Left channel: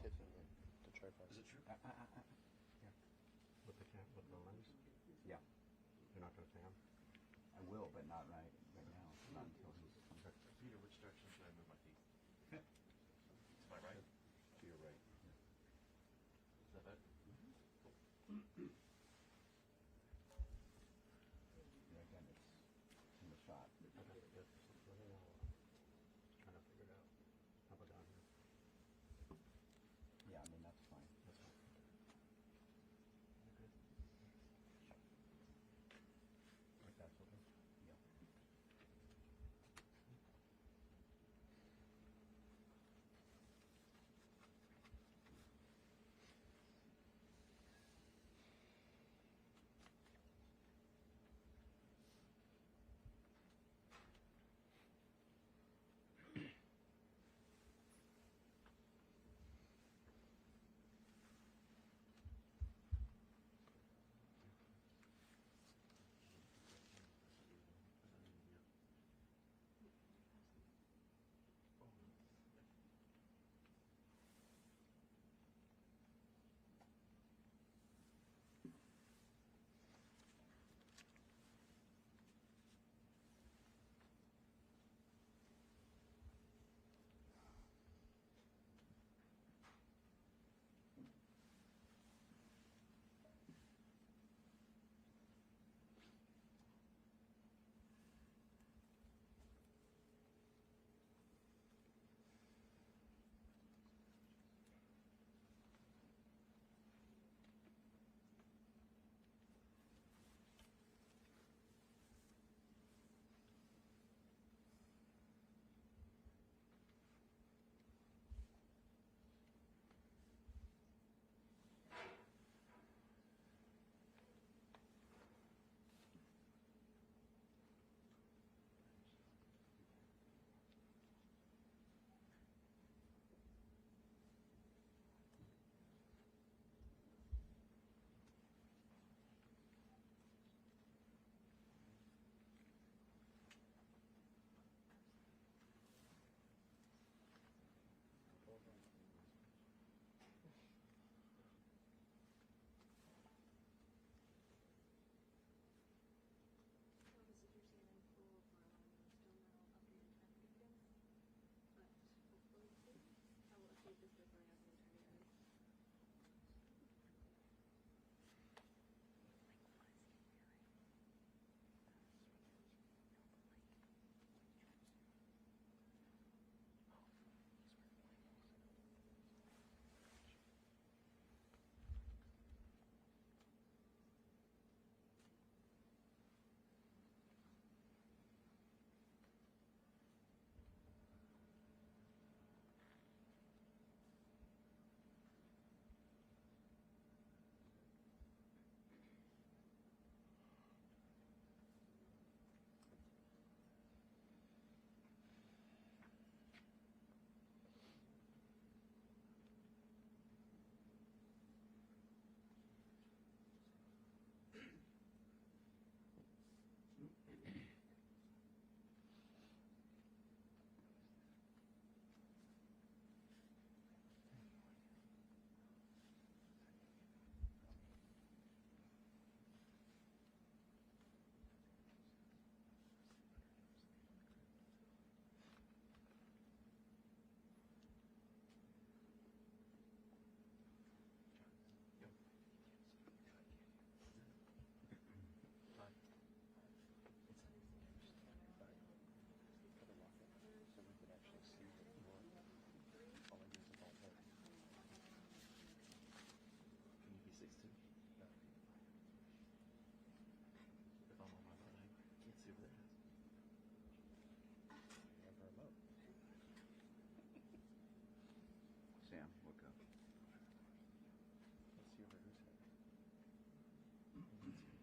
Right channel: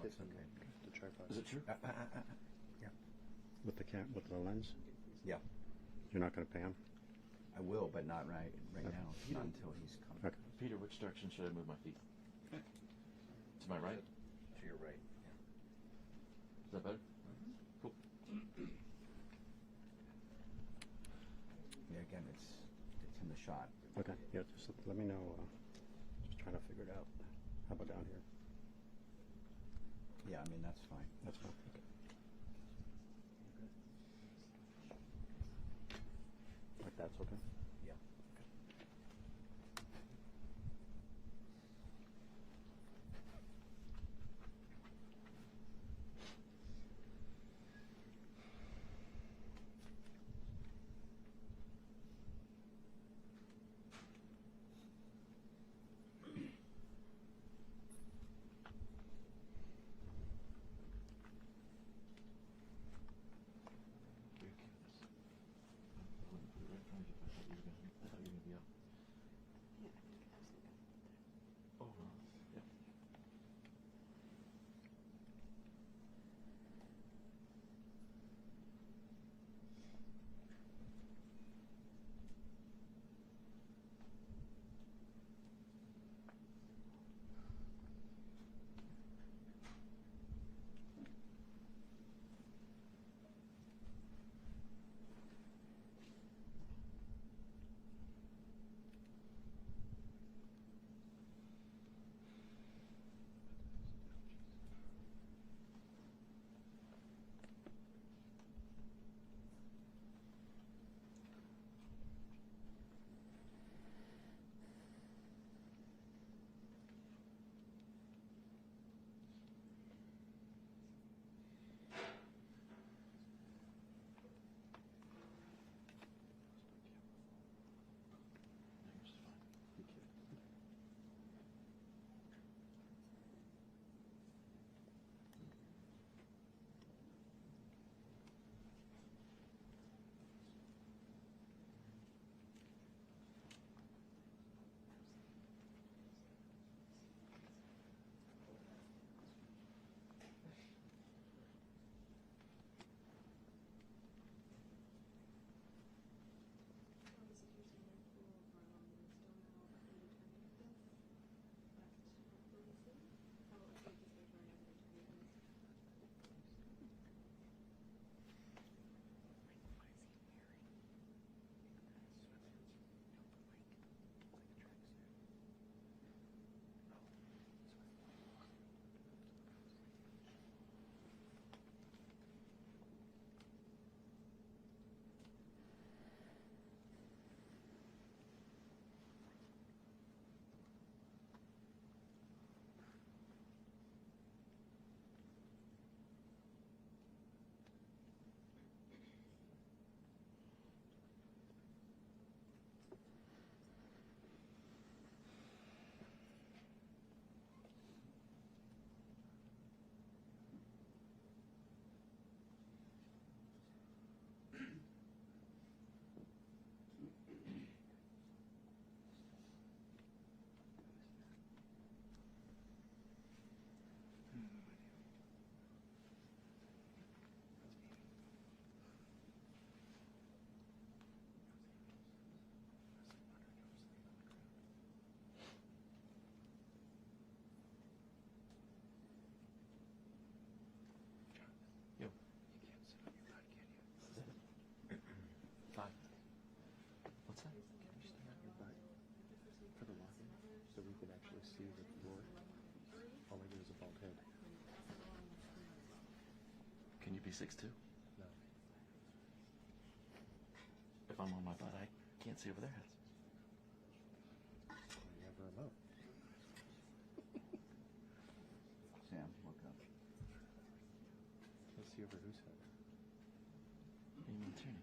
Oh, it's okay. the tripod. Is it true? Yeah. With the lens? Yeah. You're not going to pan? I will, but not right Okay. now. Not until he's come. Okay. Peter, which direction should I move my feet? To my right? To your right. Is that better? Cool. Yeah, again, it's in the shot. Okay. Yeah, just let me know. Just trying to figure it out. How about down here? Yeah, I mean, that's fine. That's fine. Okay. Like that's okay? Yeah. Yo. You can't sit on your butt, can you? Five. What's that? Can you stay on your butt for the walk-in so we can actually see the door? All I do is a bulkhead. Can you be 6'2"? No. If I'm on my butt, I can't see over their heads. So you have a remote. Sam, look up. Let's see over whose head. What do you mean, turn?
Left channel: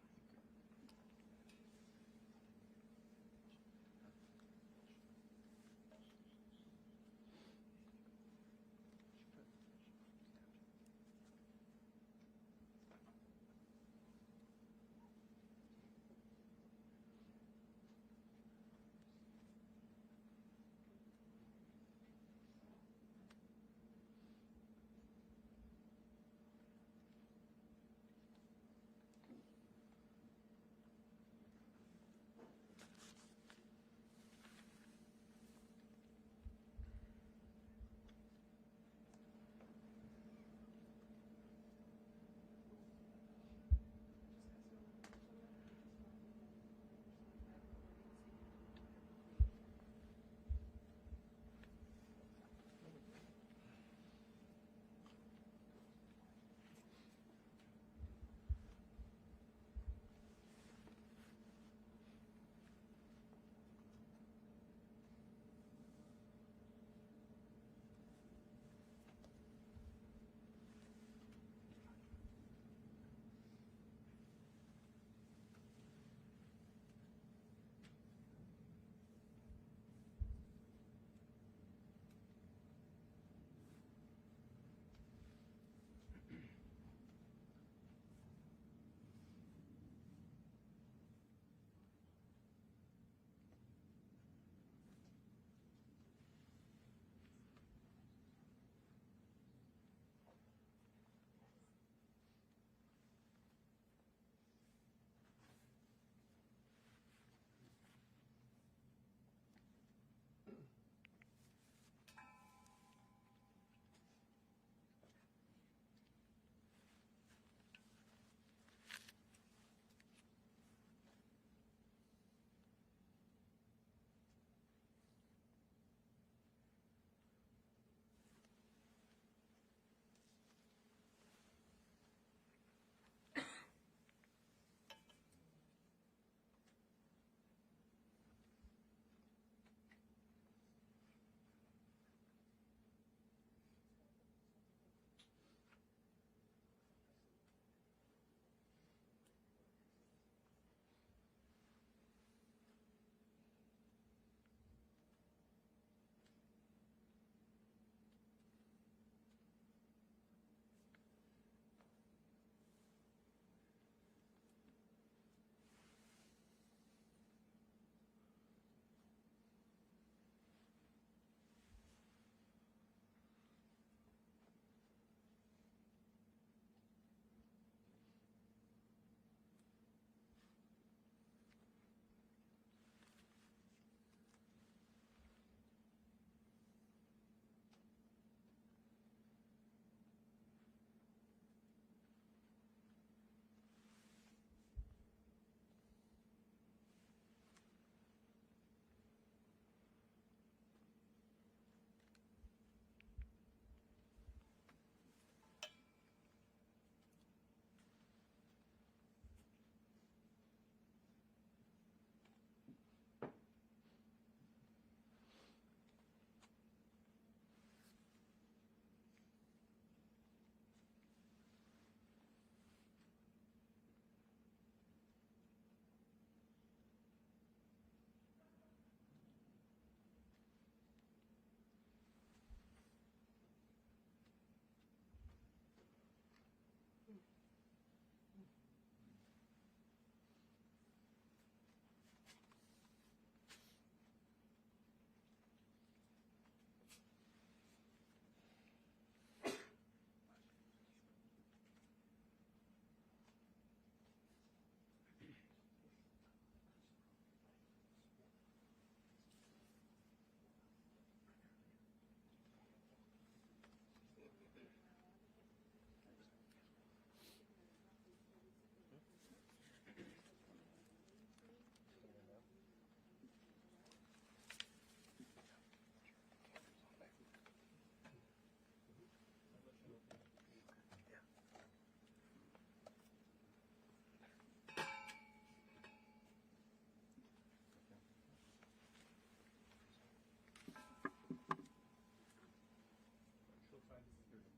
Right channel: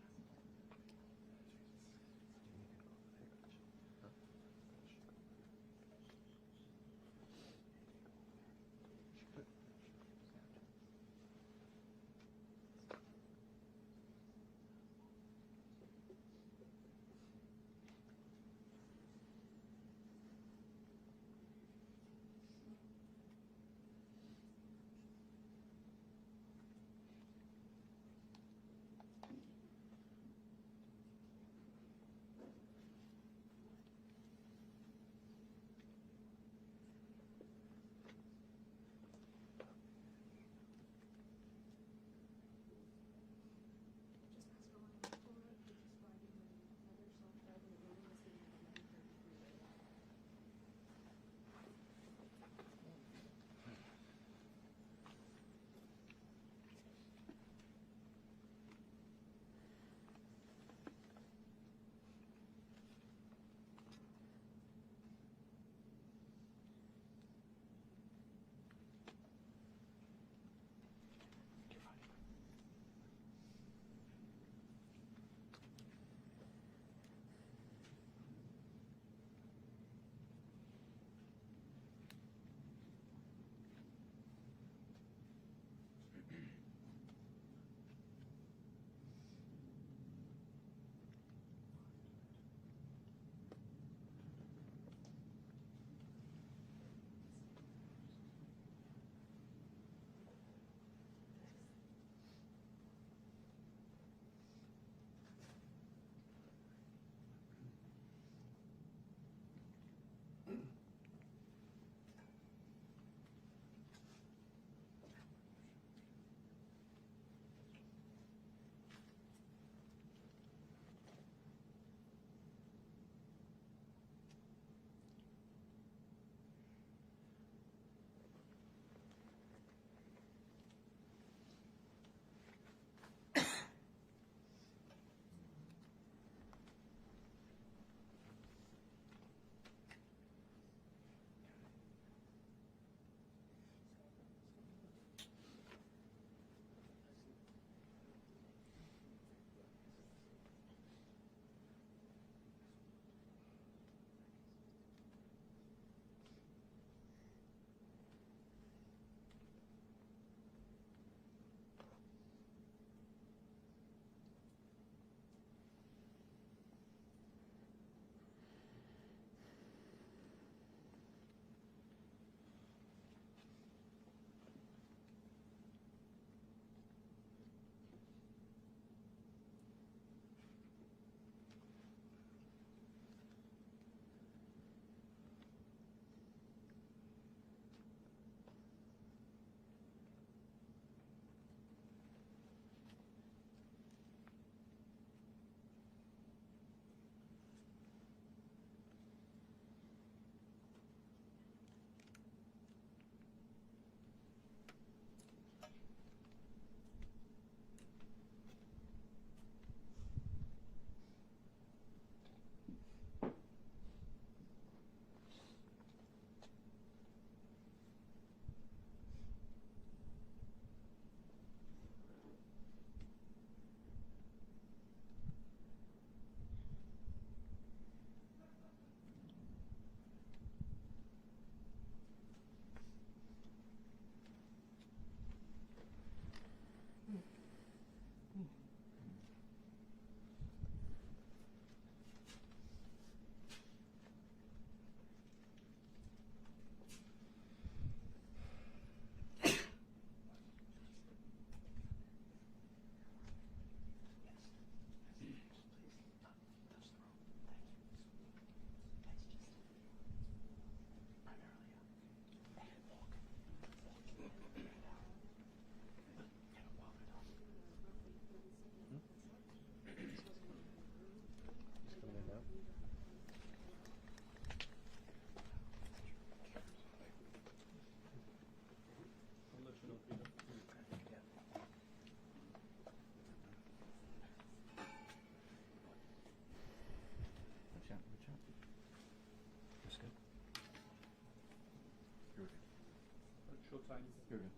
Here we go.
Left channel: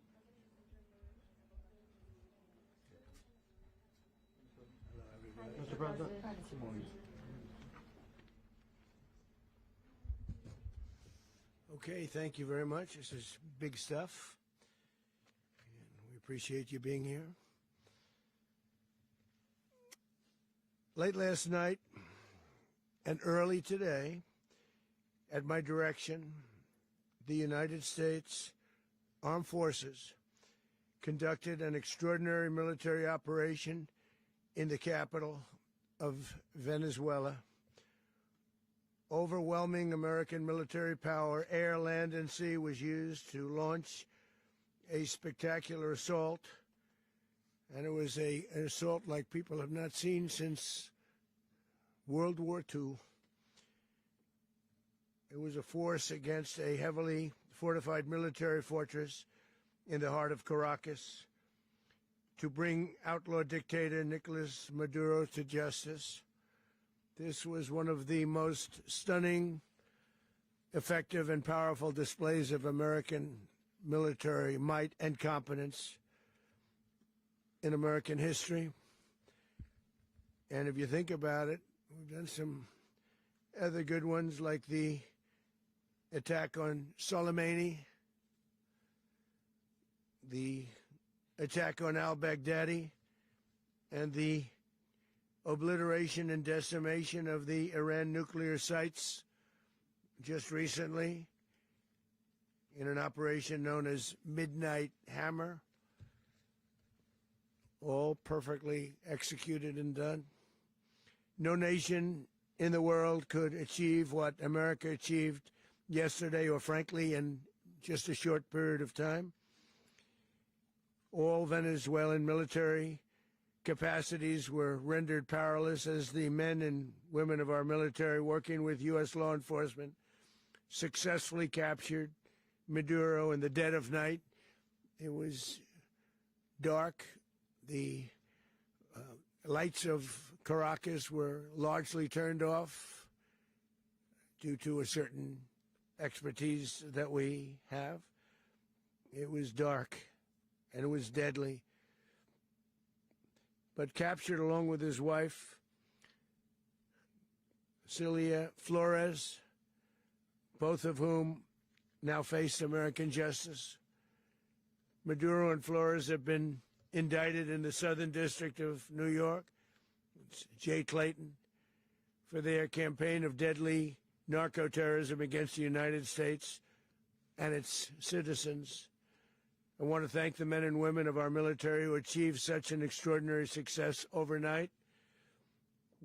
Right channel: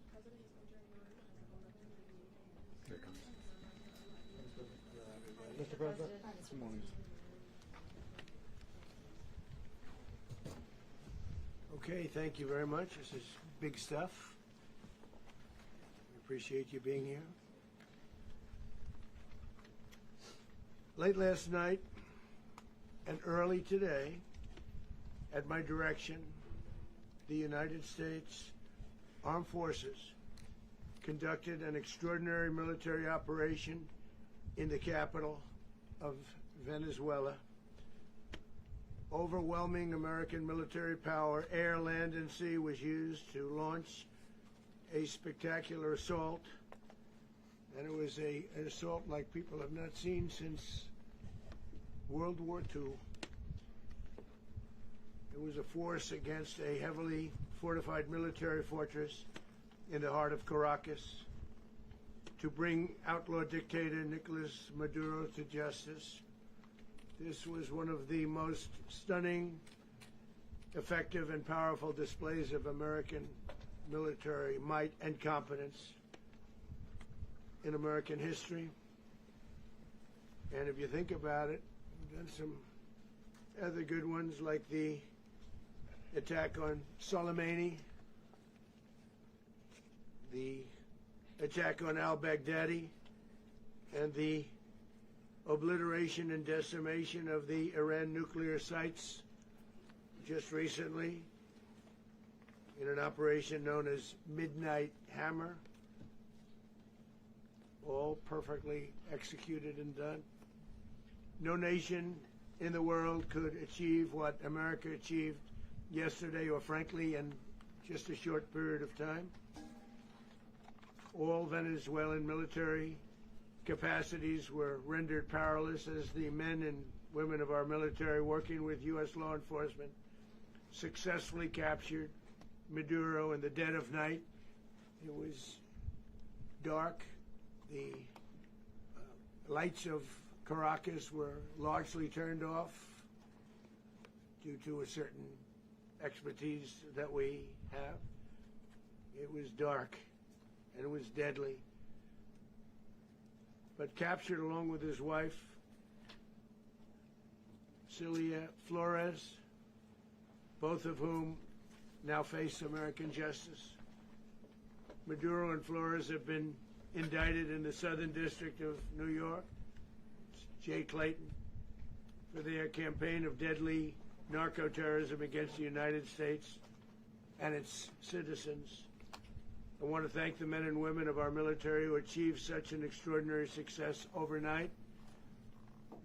Here it comes. Hello, everybody. Mr. President. Come on, Mr. Okay, thank you very much. This is big stuff. We appreciate you being here. Late last night and early today, at my direction, the United States Armed Forces conducted an extraordinary military operation in the capital of Venezuela. Overwhelming American military power, air, land, and sea, was used to launch a spectacular assault. And it was an assault like people have not seen since World War II. It was a force against a heavily fortified military fortress in the heart of Caracas to bring outlaw dictator Nicolas Maduro to justice. This was one of the most stunning, effective, and powerful displays of American military might and competence in American history. And if you think about it, we've done some other good ones, like the attack on Soleimani, the attack on al-Baghdadi, and the obliteration and decimation of the Iran nuclear sites just recently in an operation known as Midnight Hammer. All perfectly executed and done. No nation in the world could achieve what America achieved yesterday, or frankly in just a short period of time. All Venezuelan military capacities were rendered powerless as the men and women of our military, working with U.S. law enforcement, successfully captured Maduro in the dead of night. It was dark. The lights of Caracas were largely turned off due to a certain expertise that we have. It was dark and it was deadly. But captured along with his wife, Celia Flores, both of whom now face American justice. Maduro and Flores have been indicted in the Southern District of New York, it's Jay Clayton, for their campaign of deadly narco-terrorism against the United States and its citizens. I want to thank the men and women of our military who achieved such an extraordinary success overnight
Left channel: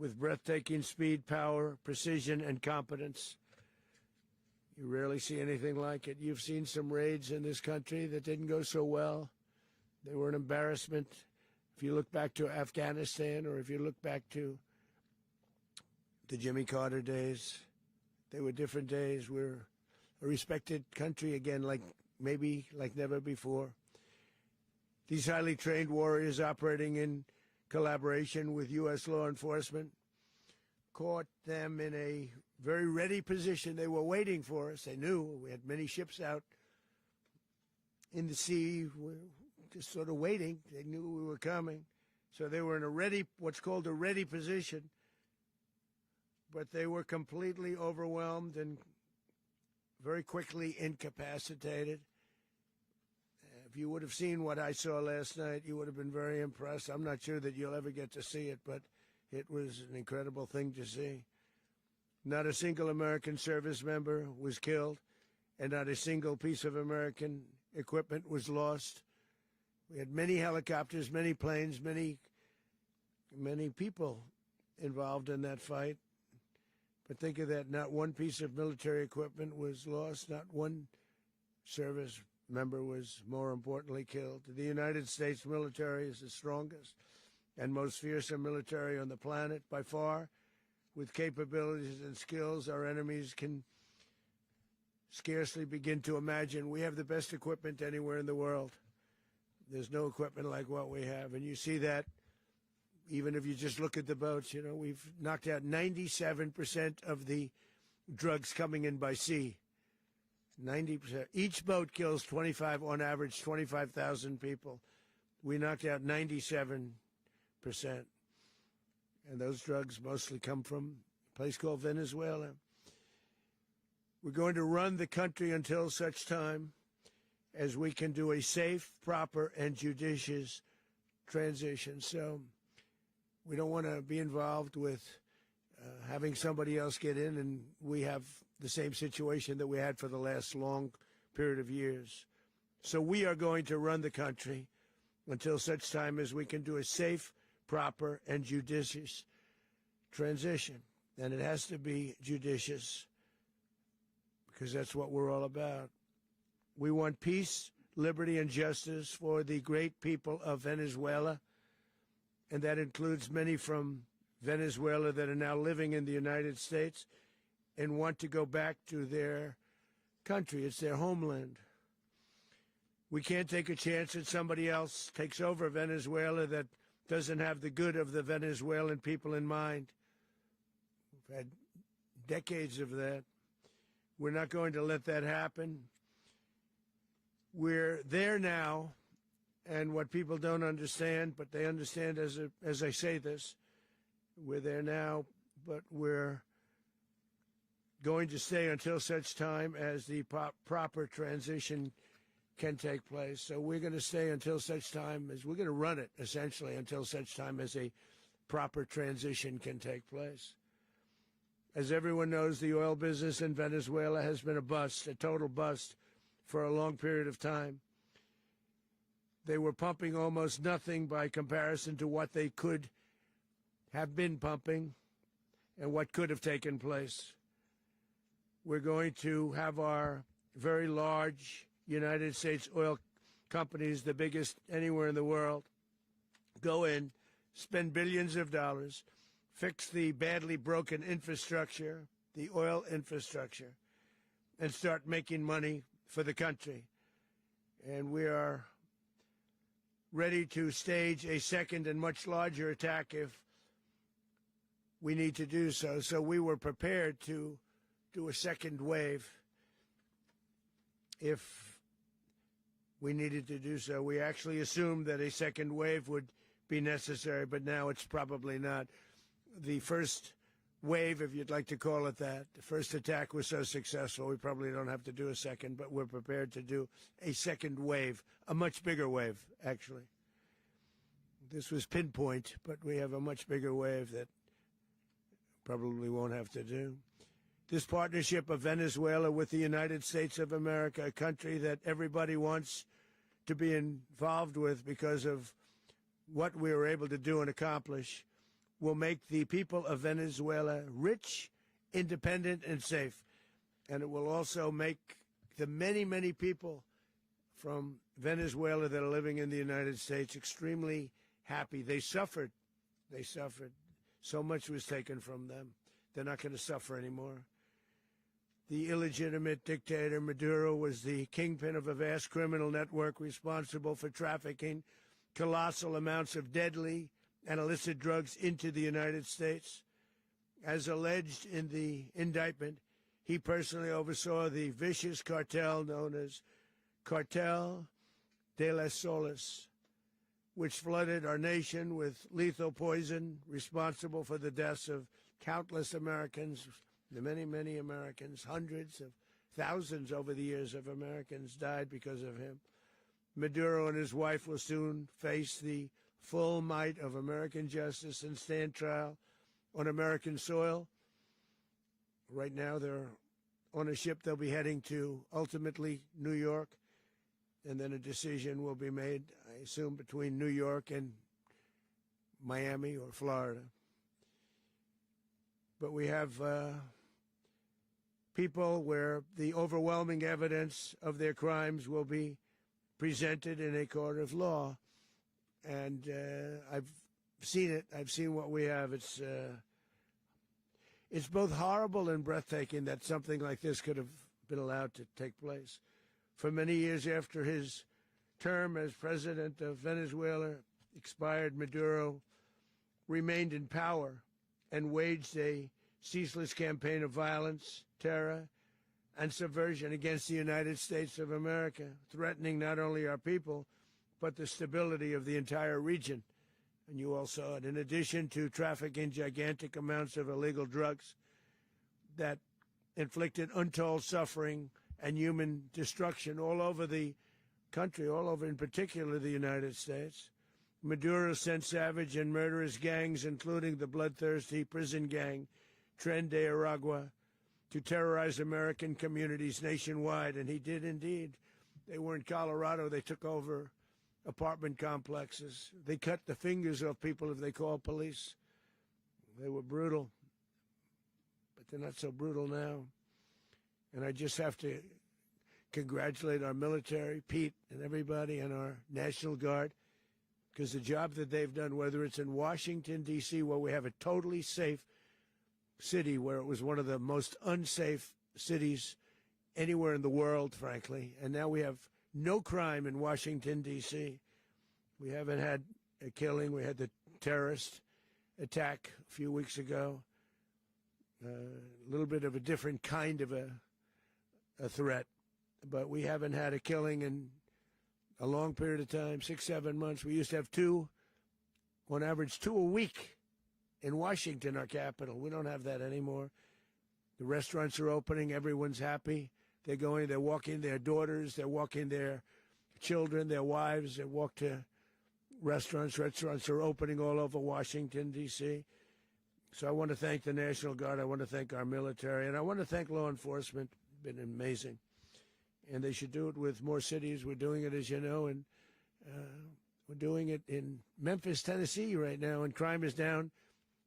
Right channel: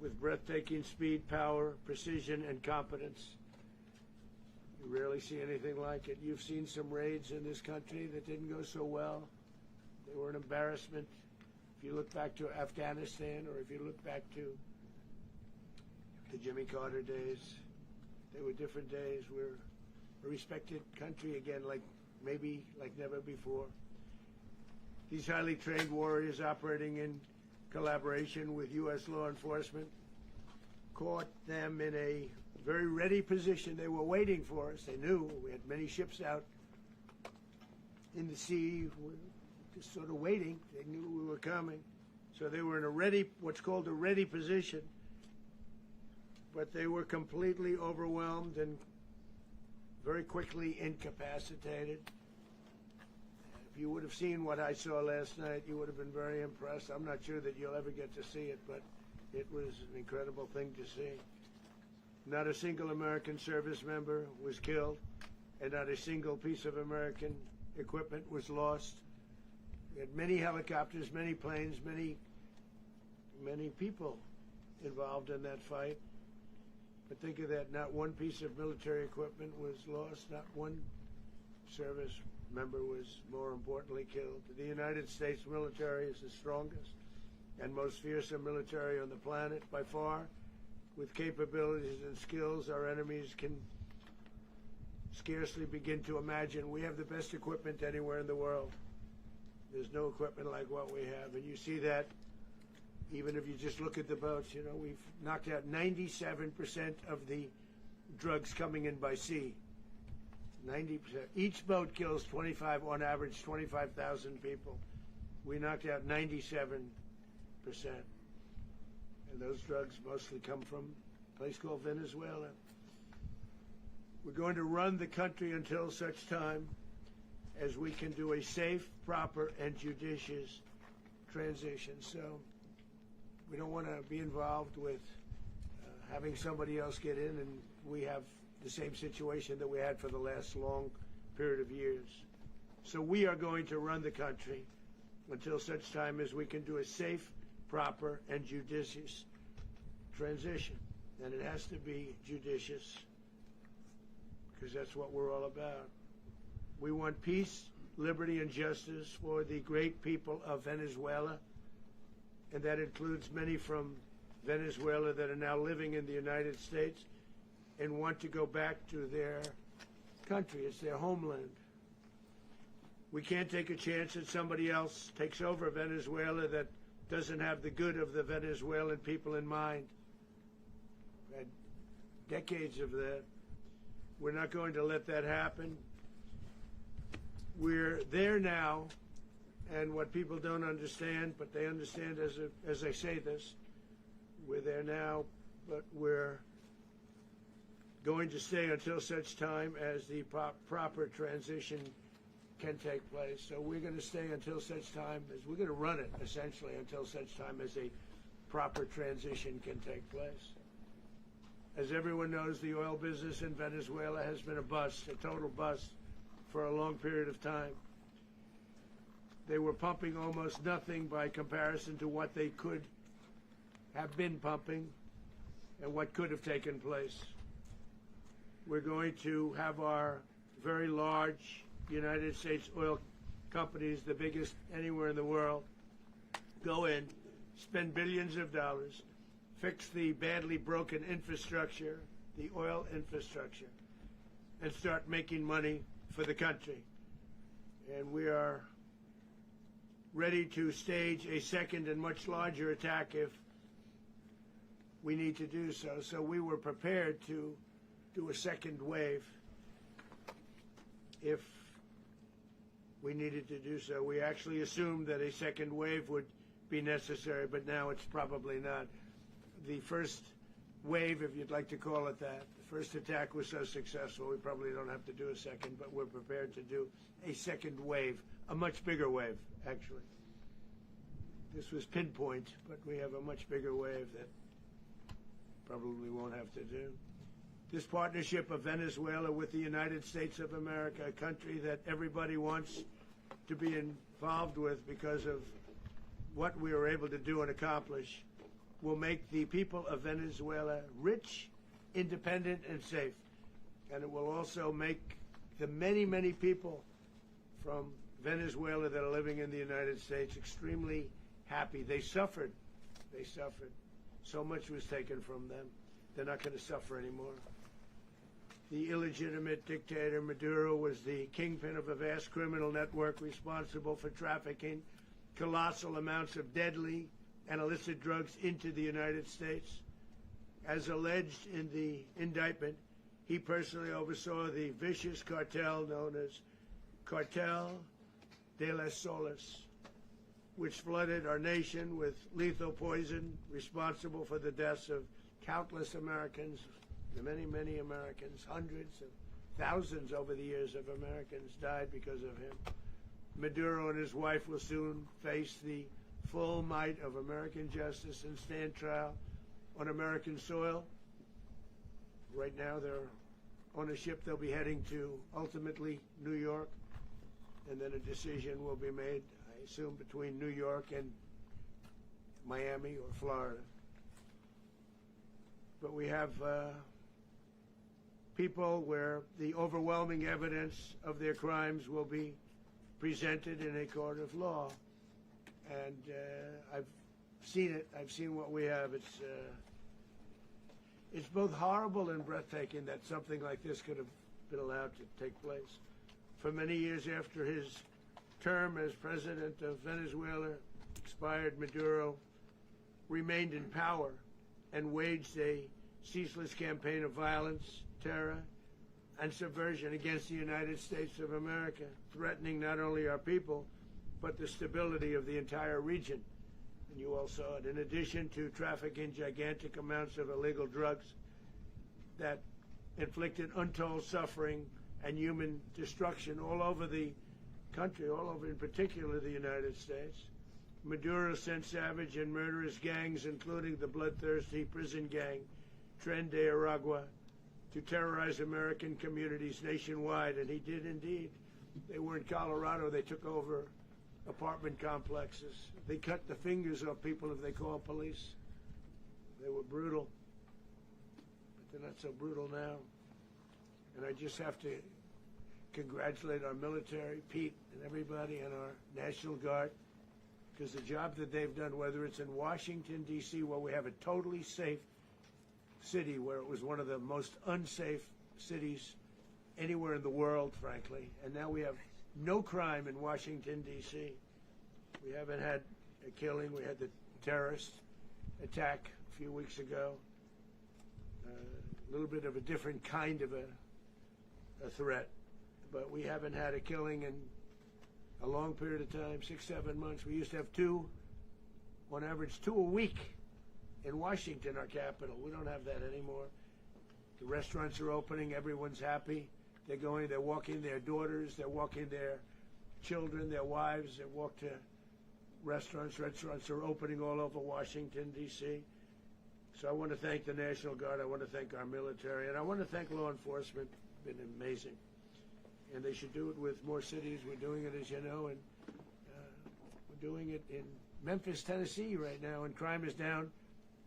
with breathtaking speed, power, precision, and competence. You rarely see anything like it. You've seen some raids in this country that didn't go so well. They were an embarrassment. If you look back to Afghanistan, or if you look back to the Jimmy Carter days, they were different days. We're a respected country again, like never before. These highly trained warriors, operating in collaboration with U.S. law enforcement, caught them in a very ready position. They were waiting for us. They knew we had many ships out in the sea, just sort of waiting. They knew we were coming. So they were in a ready, what's called a ready position. But they were completely overwhelmed and very quickly incapacitated. If you would have seen what I saw last night, you would have been very impressed. I'm not sure that you'll ever get to see it, but it was an incredible thing to see. Not a single American service member was killed, and not a single piece of American equipment was lost. We had many helicopters, many planes, many people involved in that fight. But think of that, not one piece of military equipment was lost, not one service member was, more importantly, killed. The United States military is the strongest and most fearsome military on the planet by far, with capabilities and skills our enemies can scarcely begin to imagine. We have the best equipment anywhere in the world. There's no equipment like what we have, and you see that even if you just look at the boats. You know, we've knocked out 97% of the drugs coming in by sea. 90%. Each boat kills 25, on average, 25,000 people. We knocked out 97%. And those drugs mostly come from a place called Venezuela. We're going to run the country until such time as we can do a safe, proper, and judicious transition. So we don't want to be involved with having somebody else get in, and we have the same situation that we had for the last long period of years. So we are going to run the country until such time as we can do a safe, proper, and judicious transition. And it has to be judicious, because that's what we're all about. We want peace, liberty, and justice for the great people of Venezuela, and that includes many from Venezuela that are now living in the United States and want to go back to their country. It's their homeland. We can't take a chance that somebody else takes over Venezuela that doesn't have the good of the Venezuelan people in mind. We've had decades of that. We're not going to let that happen. We're there now, and what people don't understand, but they understand as I say this, we're there now, but we're going to stay until such time as the proper transition can take place. So we're going to stay until such time as we're going to run it, essentially, until such time as a proper transition can take place. As everyone knows, the oil business in Venezuela has been a bust, a total bust, for a long period of time. They were pumping almost nothing by comparison to what they could have been pumping and what could have taken place. We're going to have our very large United States oil companies, the biggest anywhere in the world, go in, spend billions of dollars, fix the badly broken infrastructure, the oil infrastructure, and start making money for the country. And we are ready to stage a second and much larger attack if we need to do so. So we were prepared to do a second wave if we needed to do so. We actually assumed that a second wave would be necessary, but now it's probably not. The first wave, if you'd like to call it that, the first attack was so successful, we probably don't have to do a second, but we're prepared to do a second wave, a much bigger wave, actually. This was pinpoint, but we have a much bigger wave that probably won't have to do. This partnership of Venezuela with the United States of America, a country that everybody wants to be involved with because of what we were able to do and accomplish, will make the people of Venezuela rich, independent, and safe. And it will also make the many, many people from Venezuela that are living in the United States extremely happy. They suffered. They suffered. So much was taken from them. They're not going to suffer anymore. The illegitimate dictator Maduro was the kingpin of a vast criminal network responsible for trafficking colossal amounts of deadly and illicit drugs into the United States. As alleged in the indictment, he personally oversaw the vicious cartel known as Cartel de las Solas, which flooded our nation with lethal poison, responsible for the deaths of countless Americans, many, many Americans. Hundreds of thousands over the years of Americans died because of him. Maduro and his wife will soon face the full might of American justice and stand trial on American soil. Right now they're on a ship. They'll be heading to, ultimately, New York, and then a decision will be made, I assume, between New York and Miami or Florida. But we have people where the overwhelming evidence of their crimes will be presented in a court of law. And I've seen it. I've seen what we have. It's both horrible and breathtaking that something like this could have been allowed to take place. For many years after his term as president of Venezuela expired, Maduro remained in power and waged a ceaseless campaign of violence, terror, and subversion against the United States of America, threatening not only our people, but the stability of the entire region. And you all saw it. In addition to trafficking gigantic amounts of illegal drugs that inflicted untold suffering and human destruction all over the country, all over in particular the United States, Maduro sent savage and murderous gangs, including the bloodthirsty prison gang, Tren de Aragua, to terrorize American communities nationwide, and he did indeed. They were in Colorado. They took over apartment complexes. They cut the fingers off people if they call police. They were brutal, but they're not so brutal now. And I just have to congratulate our military, Pete and everybody, and our National Guard, because the job that they've done, whether it's in Washington, D.C., where we have a totally safe city, where it was one of the most unsafe cities anywhere in the world, frankly, and now we have no crime in Washington, D.C. We haven't had a killing. We had the terrorist attack a few weeks ago. A little bit of a different kind of a threat, but we haven't had a killing in a long period of time, 6-7 months. We used to have two, on average, 2 a week in Washington, our capital. We don't have that anymore. The restaurants are opening. Everyone's happy. They're going, they're walking their daughters, they're walking their children, their wives. They walk to restaurants. Restaurants are opening all over Washington, D.C. So I want to thank the National Guard. I want to thank our military. And I want to thank law enforcement. It's been amazing. And they should do it with more cities. We're doing it, as you know, and we're doing it in Memphis, Tennessee right now, and crime is down.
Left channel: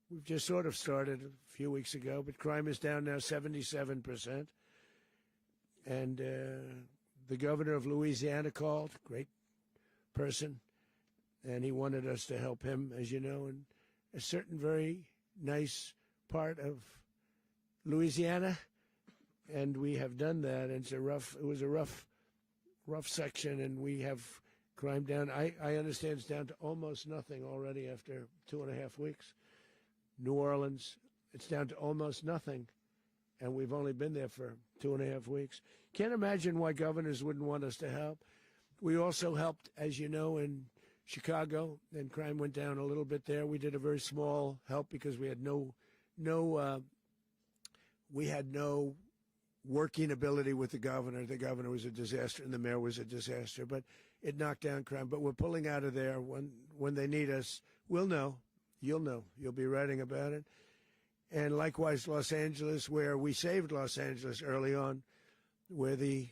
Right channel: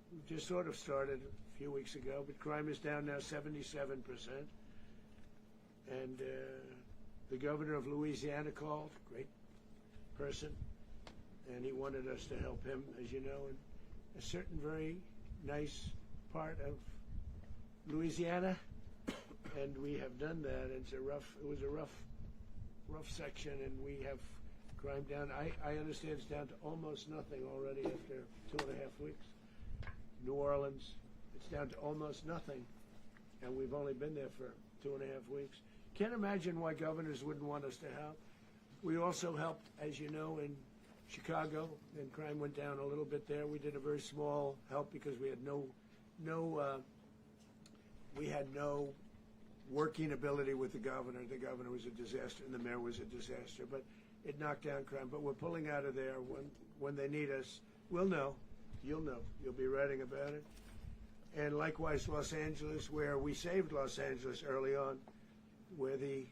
We've just sort of started a few weeks ago, but crime is down now 77%. And the governor of Louisiana called, great person, and he wanted us to help him, as you know, in a certain very nice part of Louisiana, and we have done that. It was a rough section, and we have crime down. I understand it's down to almost nothing already after 2.5 weeks. New Orleans, it's down to almost nothing, and we've only been there for 2.5 weeks. Can't imagine why governors wouldn't want us to help. We also helped, as you know, in Chicago, and crime went down a little bit there. We did a very small help because we had no working ability with the governor. The governor was a disaster, and the mayor was a disaster. But it knocked down crime. But we're pulling out of there when they need us. We'll know. You'll know. You'll be writing about it. And likewise, Los Angeles, where we saved Los Angeles early on, where the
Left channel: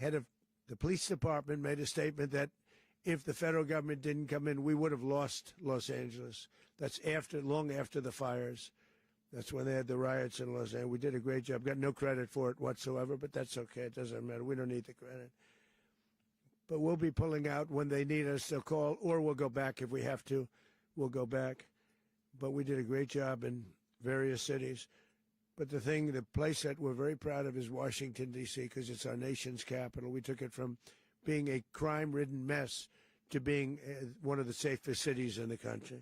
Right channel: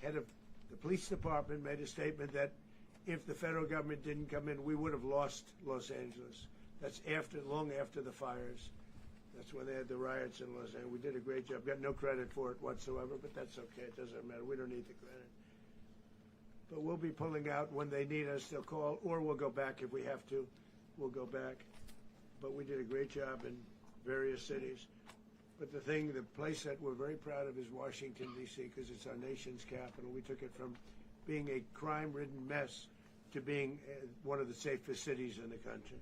head of the police department made a statement that if the federal government didn't come in, we would have lost Los Angeles. That's long after the fires. That's when they had the riots in Los Angeles. We did a great job. Got no credit for it whatsoever, but that's okay. It doesn't matter. We don't need the credit. But we'll be pulling out when they need us. They'll call, or we'll go back if we have to. We'll go back. But we did a great job in various cities. But the place that we're very proud of is Washington, D.C., because it's our nation's capital. We took it from being a crime-ridden mess to being one of the safest cities in the country.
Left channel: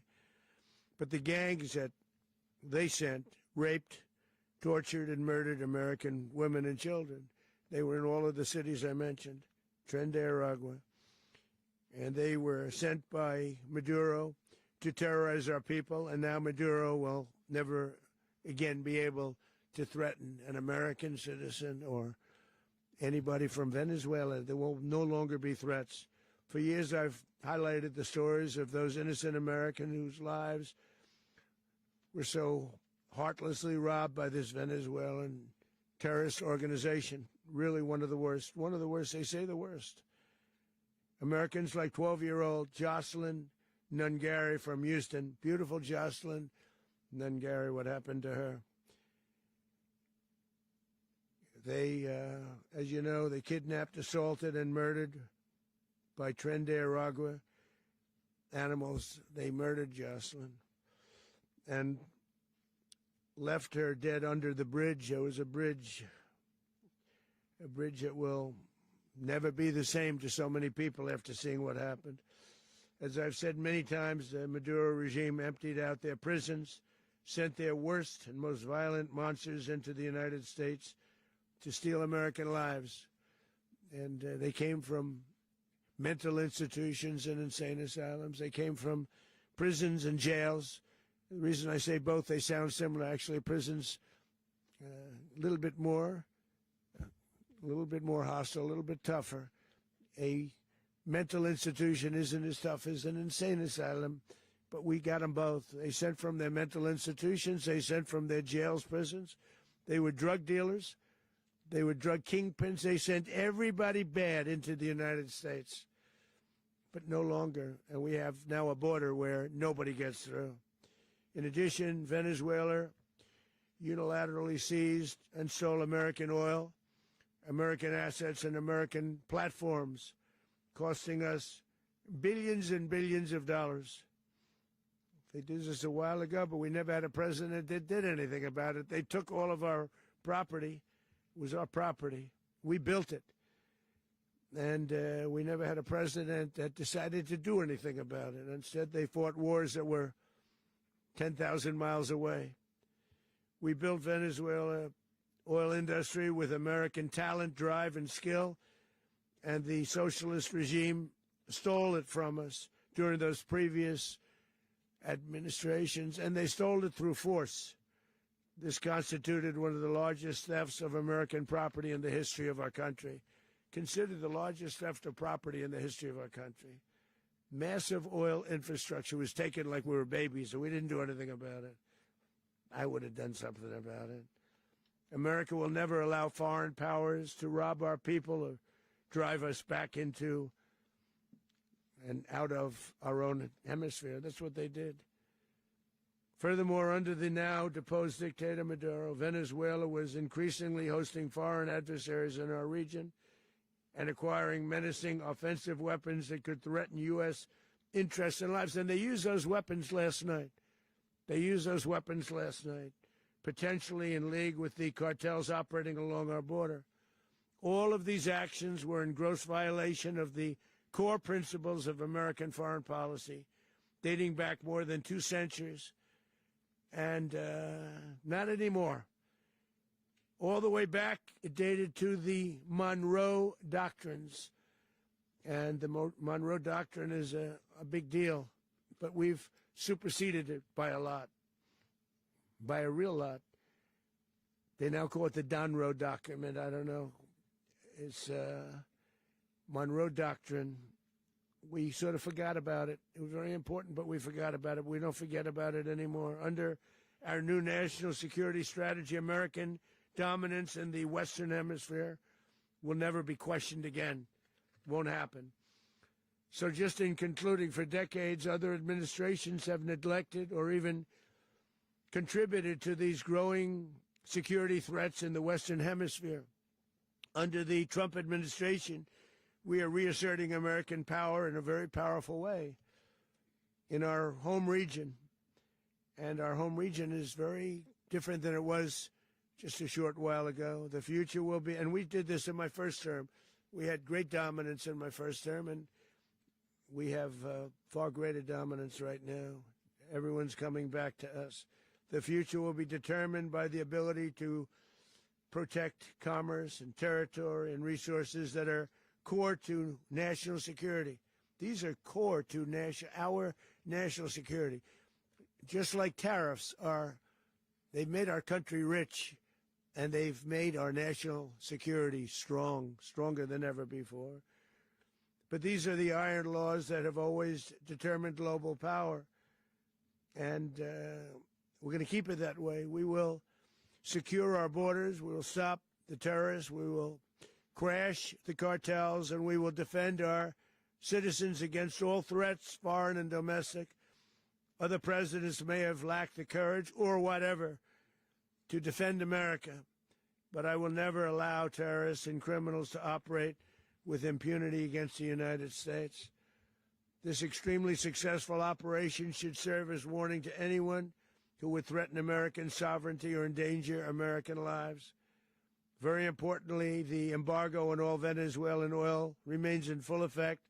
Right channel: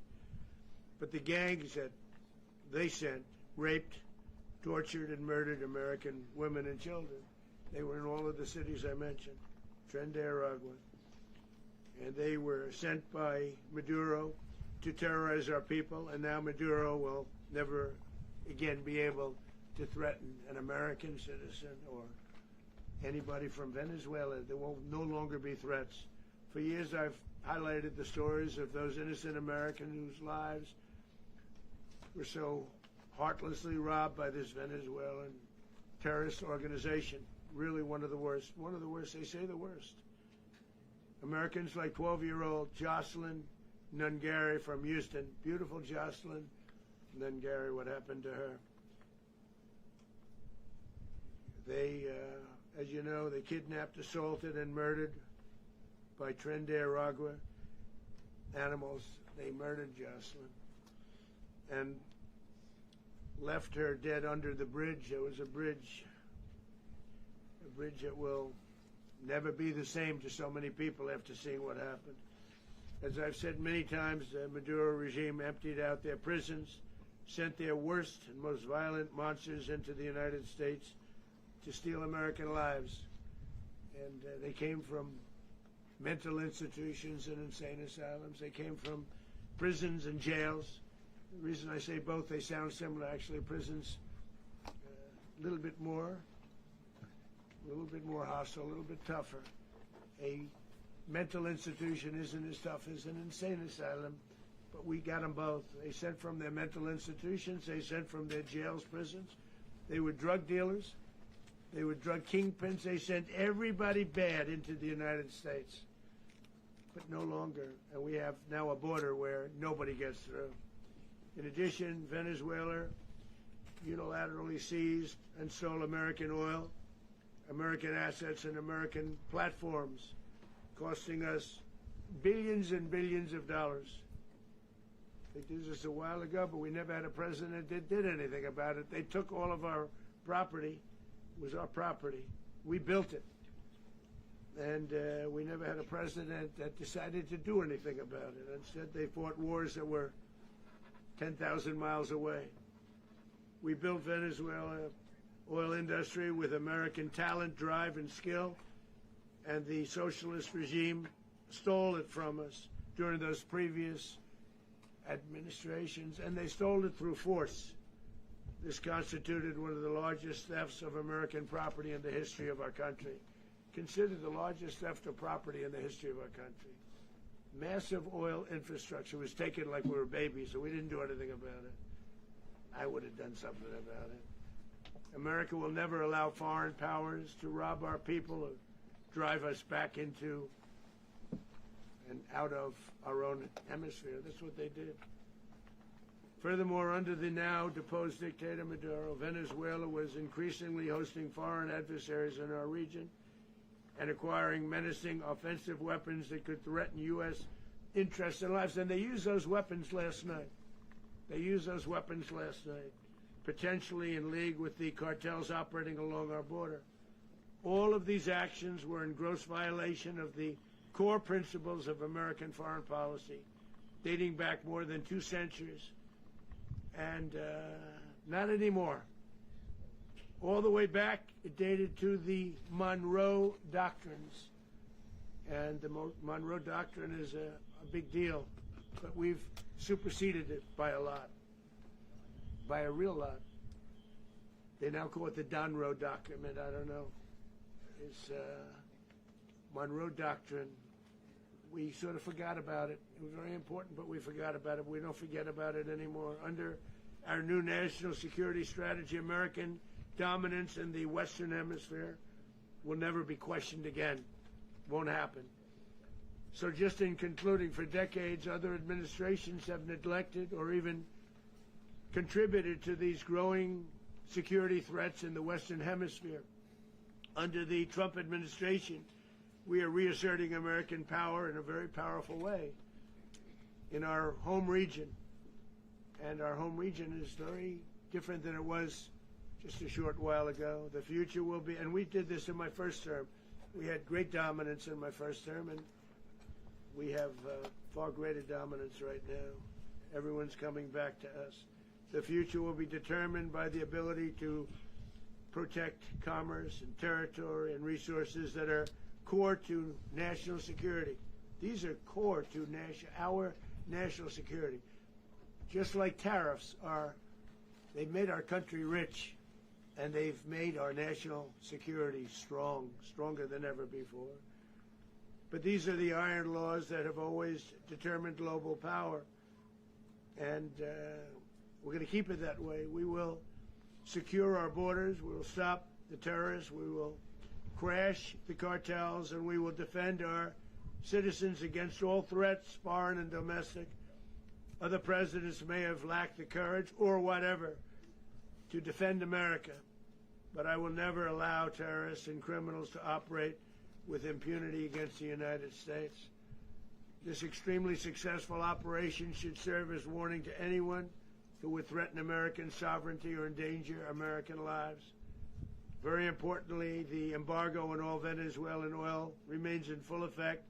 But the gangs that they sent raped, tortured, and murdered American women and children. They were in all of the cities I mentioned, Tren de Aragua. And they were sent by Maduro to terrorize our people, and now Maduro will never again be able to threaten an American citizen or anybody from Venezuela. There will no longer be threats. For years I've highlighted the stories of those innocent Americans whose lives were so heartlessly robbed by this Venezuelan terrorist organization. Really one of the worst. One of the worst, they say the worst. Americans like 12-year-old Jocelyn Nungary from Houston. Beautiful Jocelyn Nungary, what happened to her? They, as you know, they kidnapped, assaulted, and murdered by Tren de Aragua animals. They murdered Jocelyn and left her dead under the bridge. There was a bridge that will never be the same to so many people after seeing what happened. As I've said many times, the Maduro regime emptied out their prisons, sent their worst and most violent monsters into the United States to steal American lives. And they came from mental institutions and insane asylums. They came from prisons and jails. The reason I say both, they sound similar. Actually, prisons a little bit more hostile, a little bit tougher. A mental institution isn't as tough as an insane asylum, but we got them both. They sent from their mental institutions. They sent from their jails, prisons. They were drug dealers. They were drug kingpins. They sent everybody bad into the United States. But no longer. And we have now a border where nobody gets through. In addition, Venezuela unilaterally seized and stole American oil, American assets, and American platforms, costing us billions and billions of dollars. They did this a while ago, but we never had a president that did anything about it. They took all of our property. It was our property. We built it. And we never had a president that decided to do anything about it. Instead, they fought wars that were 10,000 miles away. We built Venezuela oil industry with American talent, drive, and skill, and the socialist regime stole it from us during those previous administrations, and they stole it through force. This constituted one of the largest thefts of American property in the history of our country. Considered the largest theft of property in the history of our country. Massive oil infrastructure was taken like we were babies, and we didn't do anything about it. I would have done something about it. America will never allow foreign powers to rob our people or drive us back into and out of our own hemisphere. That's what they did. Furthermore, under the now deposed dictator Maduro, Venezuela was increasingly hosting foreign adversaries in our region and acquiring menacing offensive weapons that could threaten U.S. interests and lives. And they used those weapons last night. Potentially in league with the cartels operating along our border. All of these actions were in gross violation of the core principles of American foreign policy, dating back more than 2 centuries. And not anymore. All the way back, it dated to the Monroe Doctrines. And the Monroe Doctrine is a big deal. But we've superseded it by a lot. By a real lot. They now call it the Monroe Document. I don't know. It's Monroe Doctrine. We sort of forgot about it. It was very important, but we forgot about it. We don't forget about it anymore. Under our new national security strategy, American dominance in the Western Hemisphere will never be questioned again. Won't happen. So just in concluding, for decades, other administrations have neglected or even contributed to these growing security threats in the Western Hemisphere. Under the Trump administration, we are reasserting American power in a very powerful way in our home region. And our home region is very different than it was just a short while ago. The future will be, and we did this in my first term. We had great dominance in my first term, and we have far greater dominance right now. Everyone's coming back to us. The future will be determined by the ability to protect commerce and territory and resources that are core to national security. These are core to our national security. Just like tariffs are, they've made our country rich, and they've made our national security stronger than ever before. But these are the iron laws that have always determined global power, and we're going to keep it that way. We will secure our borders, we will stop the terrorists, we will crash the cartels, and we will defend our citizens against all threats, foreign and domestic. Other presidents may have lacked the courage or whatever to defend America, but I will never allow terrorists and criminals to operate with impunity against the United States. This extremely successful operation should serve as warning to anyone who would threaten American sovereignty or endanger American lives. Very importantly, the embargo on all Venezuelan oil remains in full effect.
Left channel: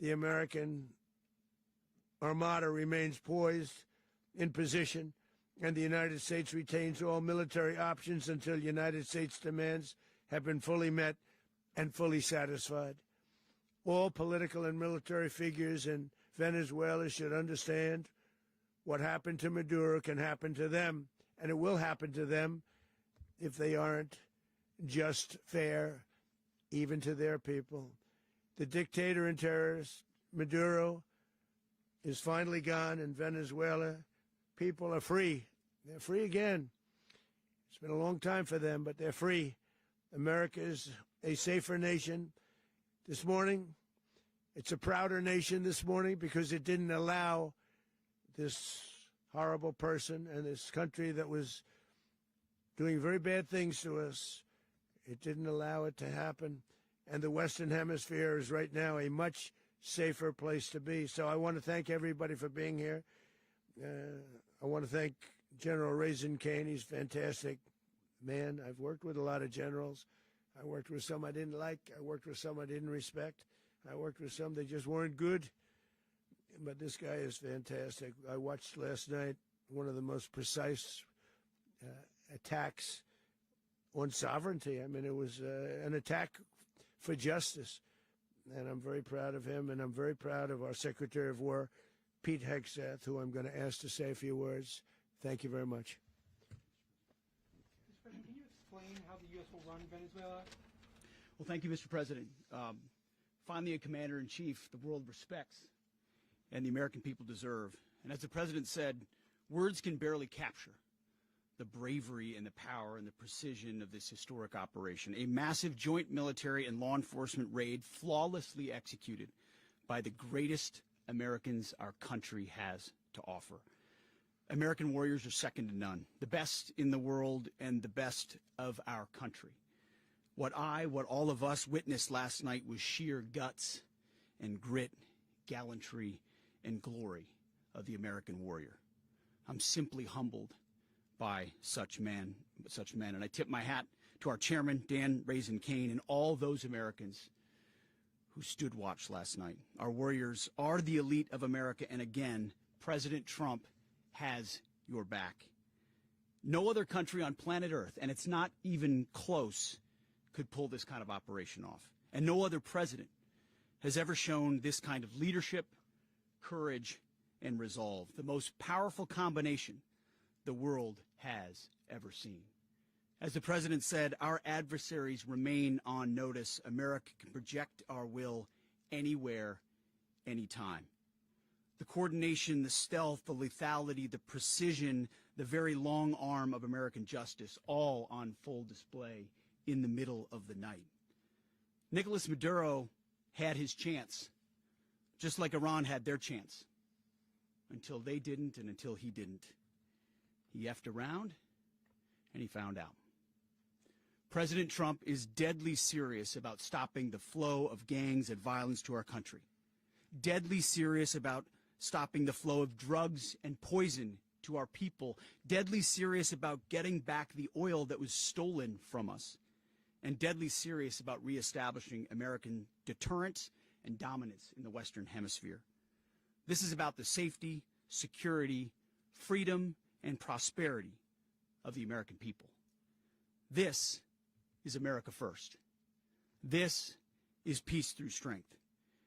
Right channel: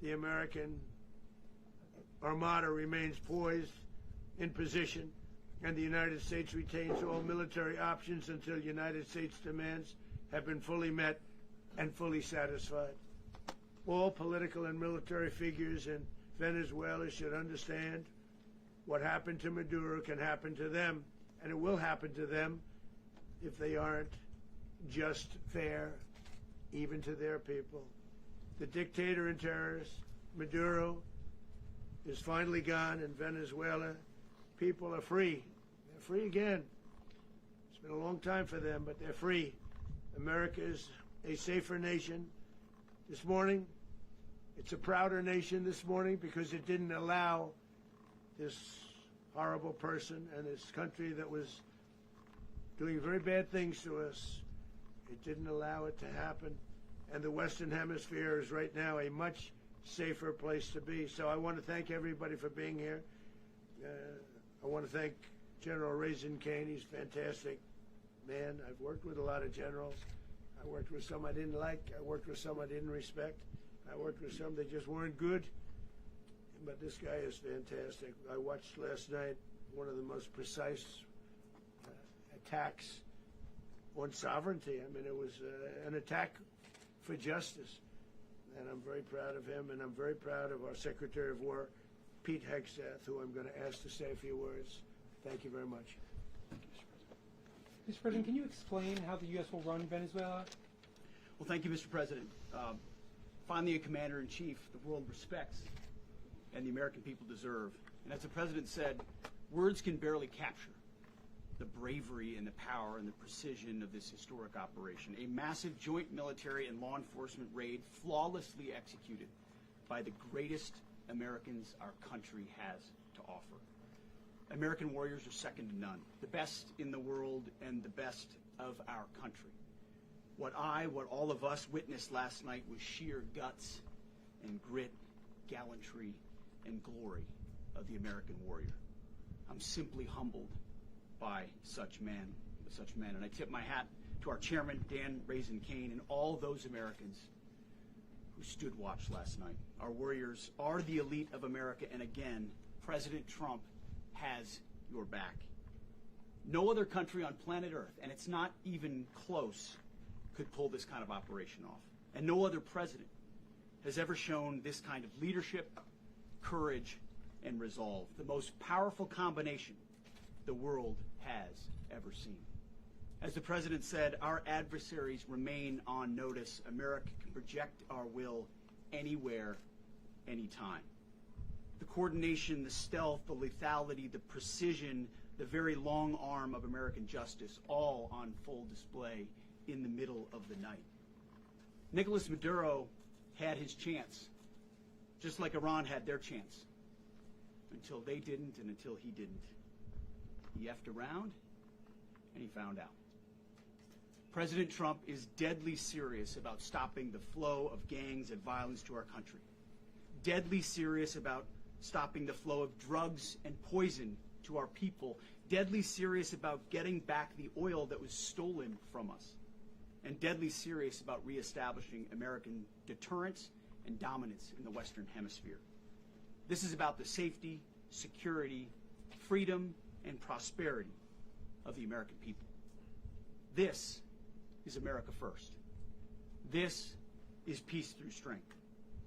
The American Armada remains poised in position, and the United States retains all military options until the United States demands have been fully met and fully satisfied. All political and military figures in Venezuela should understand what happened to Maduro can happen to them, and it will happen to them if they aren't just, fair, even to their people. The dictator and terrorist, Maduro, is finally gone in Venezuela. People are free. They're free again. It's been a long time for them, but they're free. America is a safer nation. This morning, it's a prouder nation this morning because it didn't allow this horrible person and this country that was doing very bad things to us. It didn't allow it to happen. And the Western Hemisphere is right now a much safer place to be. So I want to thank everybody for being here. I want to thank General Raisin Kane. He's a fantastic man. I've worked with a lot of generals. I worked with some I didn't like. I worked with some I didn't respect. I worked with some that just weren't good. But this guy is fantastic. I watched last night one of the most precise attacks on sovereignty. I mean, it was an attack for justice. And I'm very proud of him, and I'm very proud of our Secretary of War, Pete Hegseth, who I'm going to ask to say a few words. Thank you very much. Mr. President, can you explain how the U.S. will run Venezuela? Well, thank you, Mr. President. Finally, a commander-in-chief the world respects and the American people deserve. And as the President said, words can barely capture the bravery and the power and the precision of this historic operation. A massive joint military and law enforcement raid flawlessly executed by the greatest Americans our country has to offer. American warriors are second to none, the best in the world and the best of our country. What all of us witnessed last night was sheer guts and grit, gallantry, and glory of the American warrior. I'm simply humbled by such men, and I tip my hat to our chairman, Dan Raisin Kane, and all those Americans who stood watch last night. Our warriors are the elite of America, and again, President Trump has your back. No other country on planet Earth, and it's not even close, could pull this kind of operation off. And no other president has ever shown this kind of leadership, courage, and resolve. The most powerful combination the world has ever seen. As the President said, our adversaries remain on notice. America can project our will anywhere, anytime. The coordination, the stealth, the lethality, the precision, the very long arm of American justice, all on full display in the middle of the night. Nicolas Maduro had his chance, just like Iran had their chance, until they didn't and until he didn't. He effed around, and he found out. President Trump is deadly serious about stopping the flow of gangs and violence to our country. Deadly serious about stopping the flow of drugs and poison to our people. Deadly serious about getting back the oil that was stolen from us. And deadly serious about reestablishing American deterrence and dominance in the Western Hemisphere. This is about the safety, security, freedom, and prosperity of the American people. This is America first. This is peace through strength.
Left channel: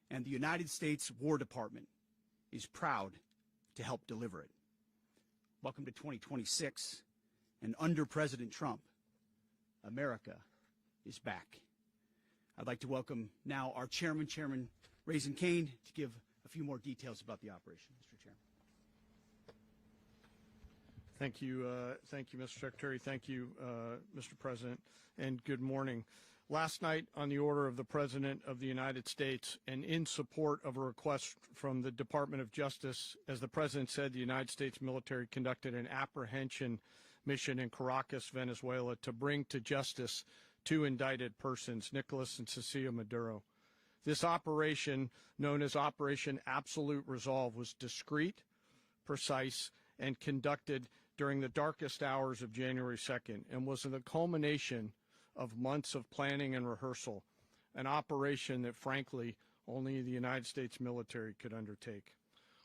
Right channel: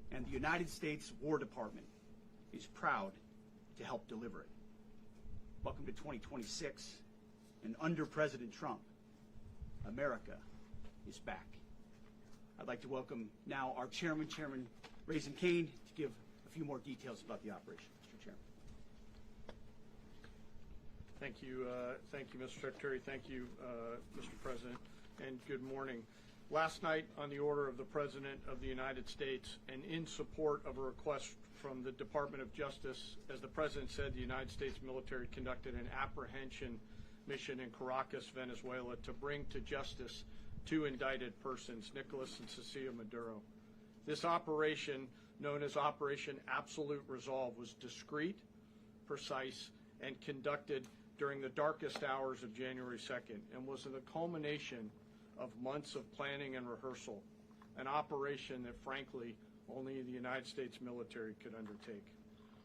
And the United States War Department is proud to help deliver it. Welcome to 2026, and under President Trump, America is back. I'd like to welcome now our chairman, Chairman Raisin Kane, to give a few more details about the operation. Mr. Chairman. Thank you, Mr. Secretary. Thank you, Mr. President, and good morning. Last night, on the order of the President of the United States and in support of a request from the Department of Justice, as the President said, the United States military conducted an apprehension mission in Caracas, Venezuela, to bring to justice two indicted persons, Nicolas and Cecilia Maduro. This operation, known as Operation Absolute Resolve, was discreet, precise, and conducted during the darkest hours of January 2nd and was the culmination of months of planning and rehearsal, an operation that, frankly, only the United States military could undertake.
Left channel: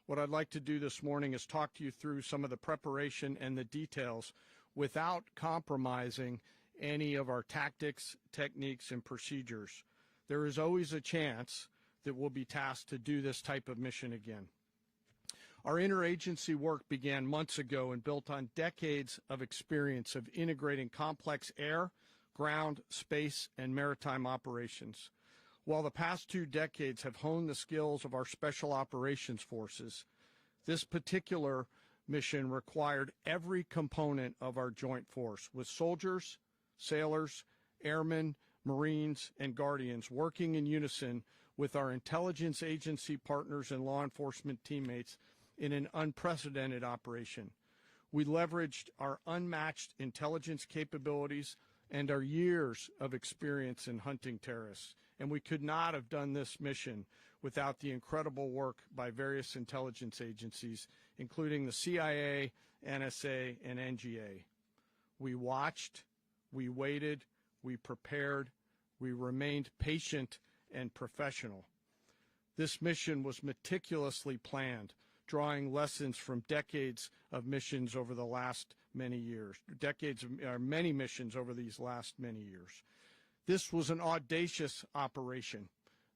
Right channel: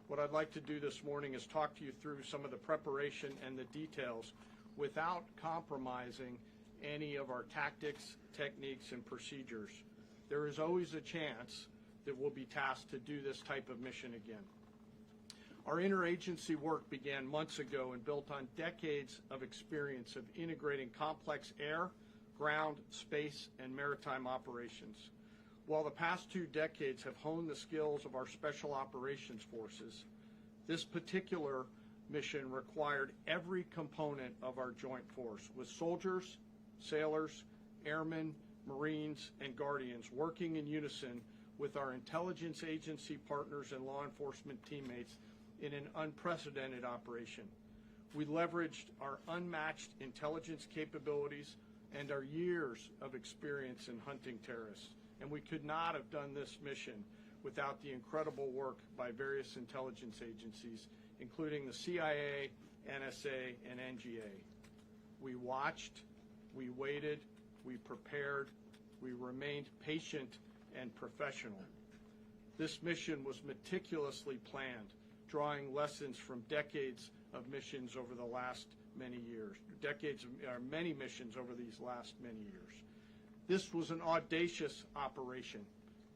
What I'd like to do this morning is talk to you through some of the preparation and the details without compromising any of our tactics, techniques, and procedures. There is always a chance that we'll be tasked to do this type of mission again. Our interagency work began months ago and built on decades of experience of integrating complex air, ground, space, and maritime operations. While the past 2 decades have honed the skills of our special operations forces, this particular mission required every component of our joint force, with soldiers, sailors, airmen, Marines, and Guardians working in unison with our intelligence agency partners and law enforcement teammates in an unprecedented operation. We leveraged our unmatched intelligence capabilities and our years of experience in hunting terrorists, and we could not have done this mission without the incredible work by various intelligence agencies, including the CIA, NSA, and NGA. We watched, we waited, we prepared, we remained patient and professional. This mission was meticulously planned, drawing lessons from decades of missions over the last many years, many missions over these last many years. This was an audacious operation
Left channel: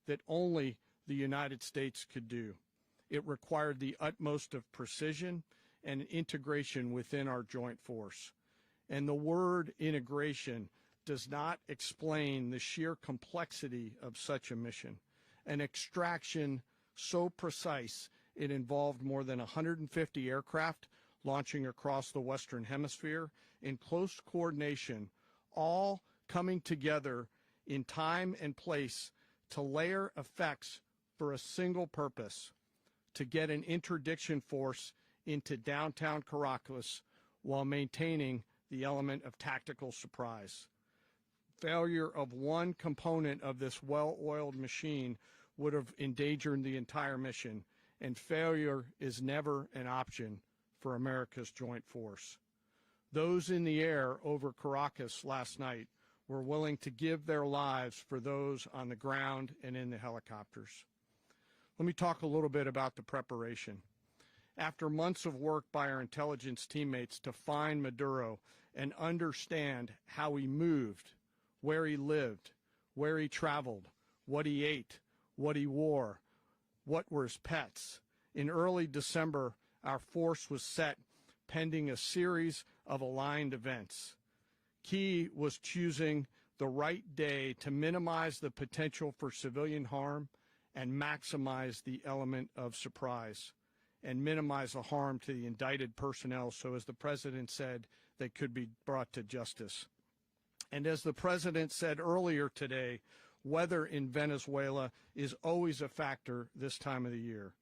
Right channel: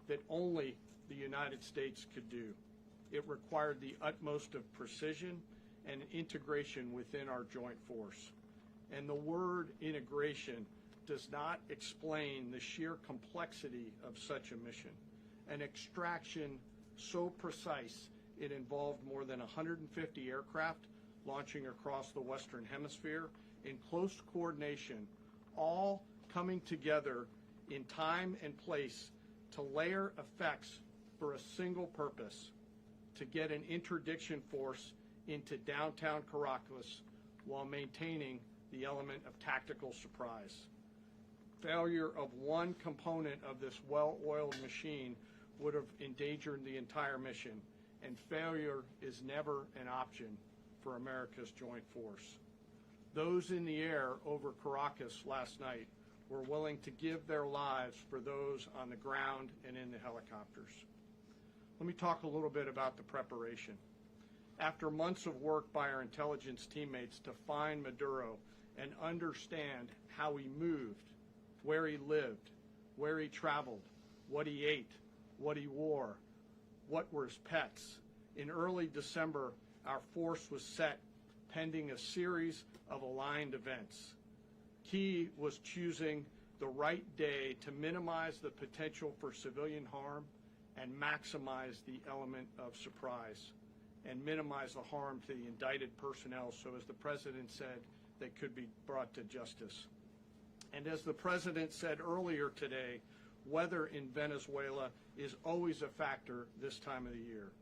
that only the United States could do. It required the utmost of precision and integration within our joint force. And the word integration does not explain the sheer complexity of such a mission. An extraction so precise it involved more than 150 aircraft launching across the Western Hemisphere in close coordination, all coming together in time and place to layer effects for a single purpose: to get an interdiction force into downtown Caracas while maintaining the element of tactical surprise. Failure of one component of this well-oiled machine would have endangered the entire mission, and failure is never an option for America's joint force. Those in the air over Caracas last night were willing to give their lives for those on the ground and in the helicopters. Let me talk a little bit about the preparation. After months of work by our intelligence teammates to find Maduro and understand how he moved, where he lived, where he traveled, what he ate, what he wore, what were his pets, in early December, our force was set pending a series of aligned events. Key was choosing the right day to minimize the potential for civilian harm and maximize the element of surprise, and minimize the harm to the indicted personnel so, as the President said, they could be brought to justice. And as the President said earlier today, weather in Venezuela is always a factor this time of the year.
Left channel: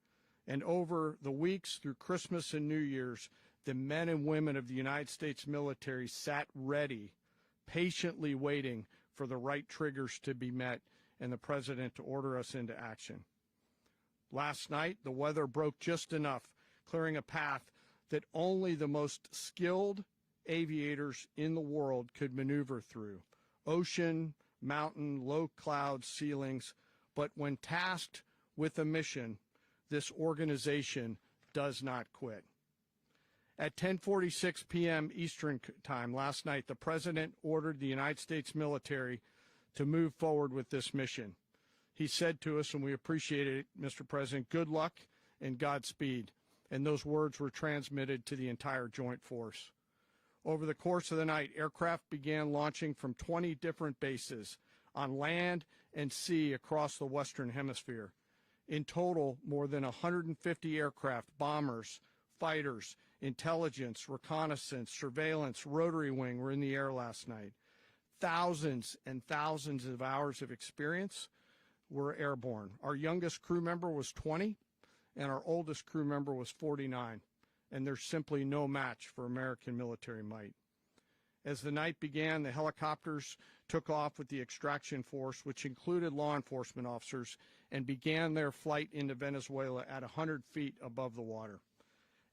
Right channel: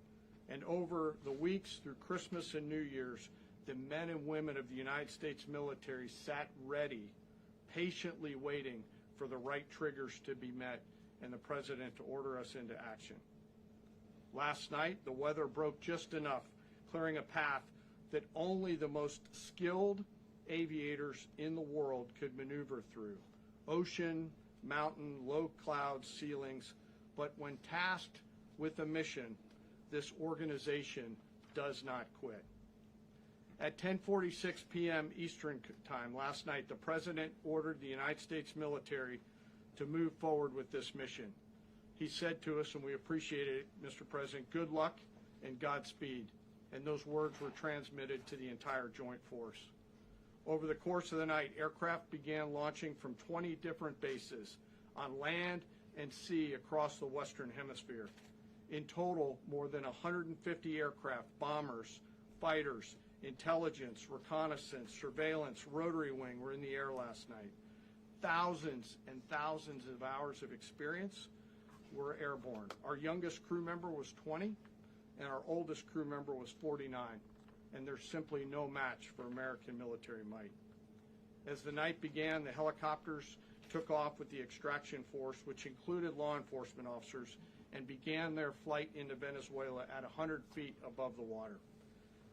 And over the weeks through Christmas and New Year's, the men and women of the United States military sat ready, patiently waiting for the right triggers to be met and the President to order us into action. Last night, the weather broke just enough, clearing a path that only the most skilled aviators in the world could maneuver through. Ocean, mountain, low cloud ceilings, but when tasked with a mission, this organization does not quit. At 10:46 p.m. Eastern Time last night, the President ordered the United States military to move forward with this mission. He said to us, and we appreciate it, Mr. President, good luck and Godspeed. And those words were transmitted to the entire joint force. Over the course of the night, aircraft began launching from 20 different bases on land and sea across the Western Hemisphere. In total, more than 150 aircraft, bombers, fighters, intelligence, reconnaissance, surveillance, rotary wing were in the air last night. Thousands and thousands of hours of experience were airborne. Our youngest crew member was 20, and our oldest crew member was 49, and there's simply no match for American military might. As the night began, the helicopters took off with the extraction force, which included law enforcement officers, and began their flight into Venezuela at 100 feet above the water.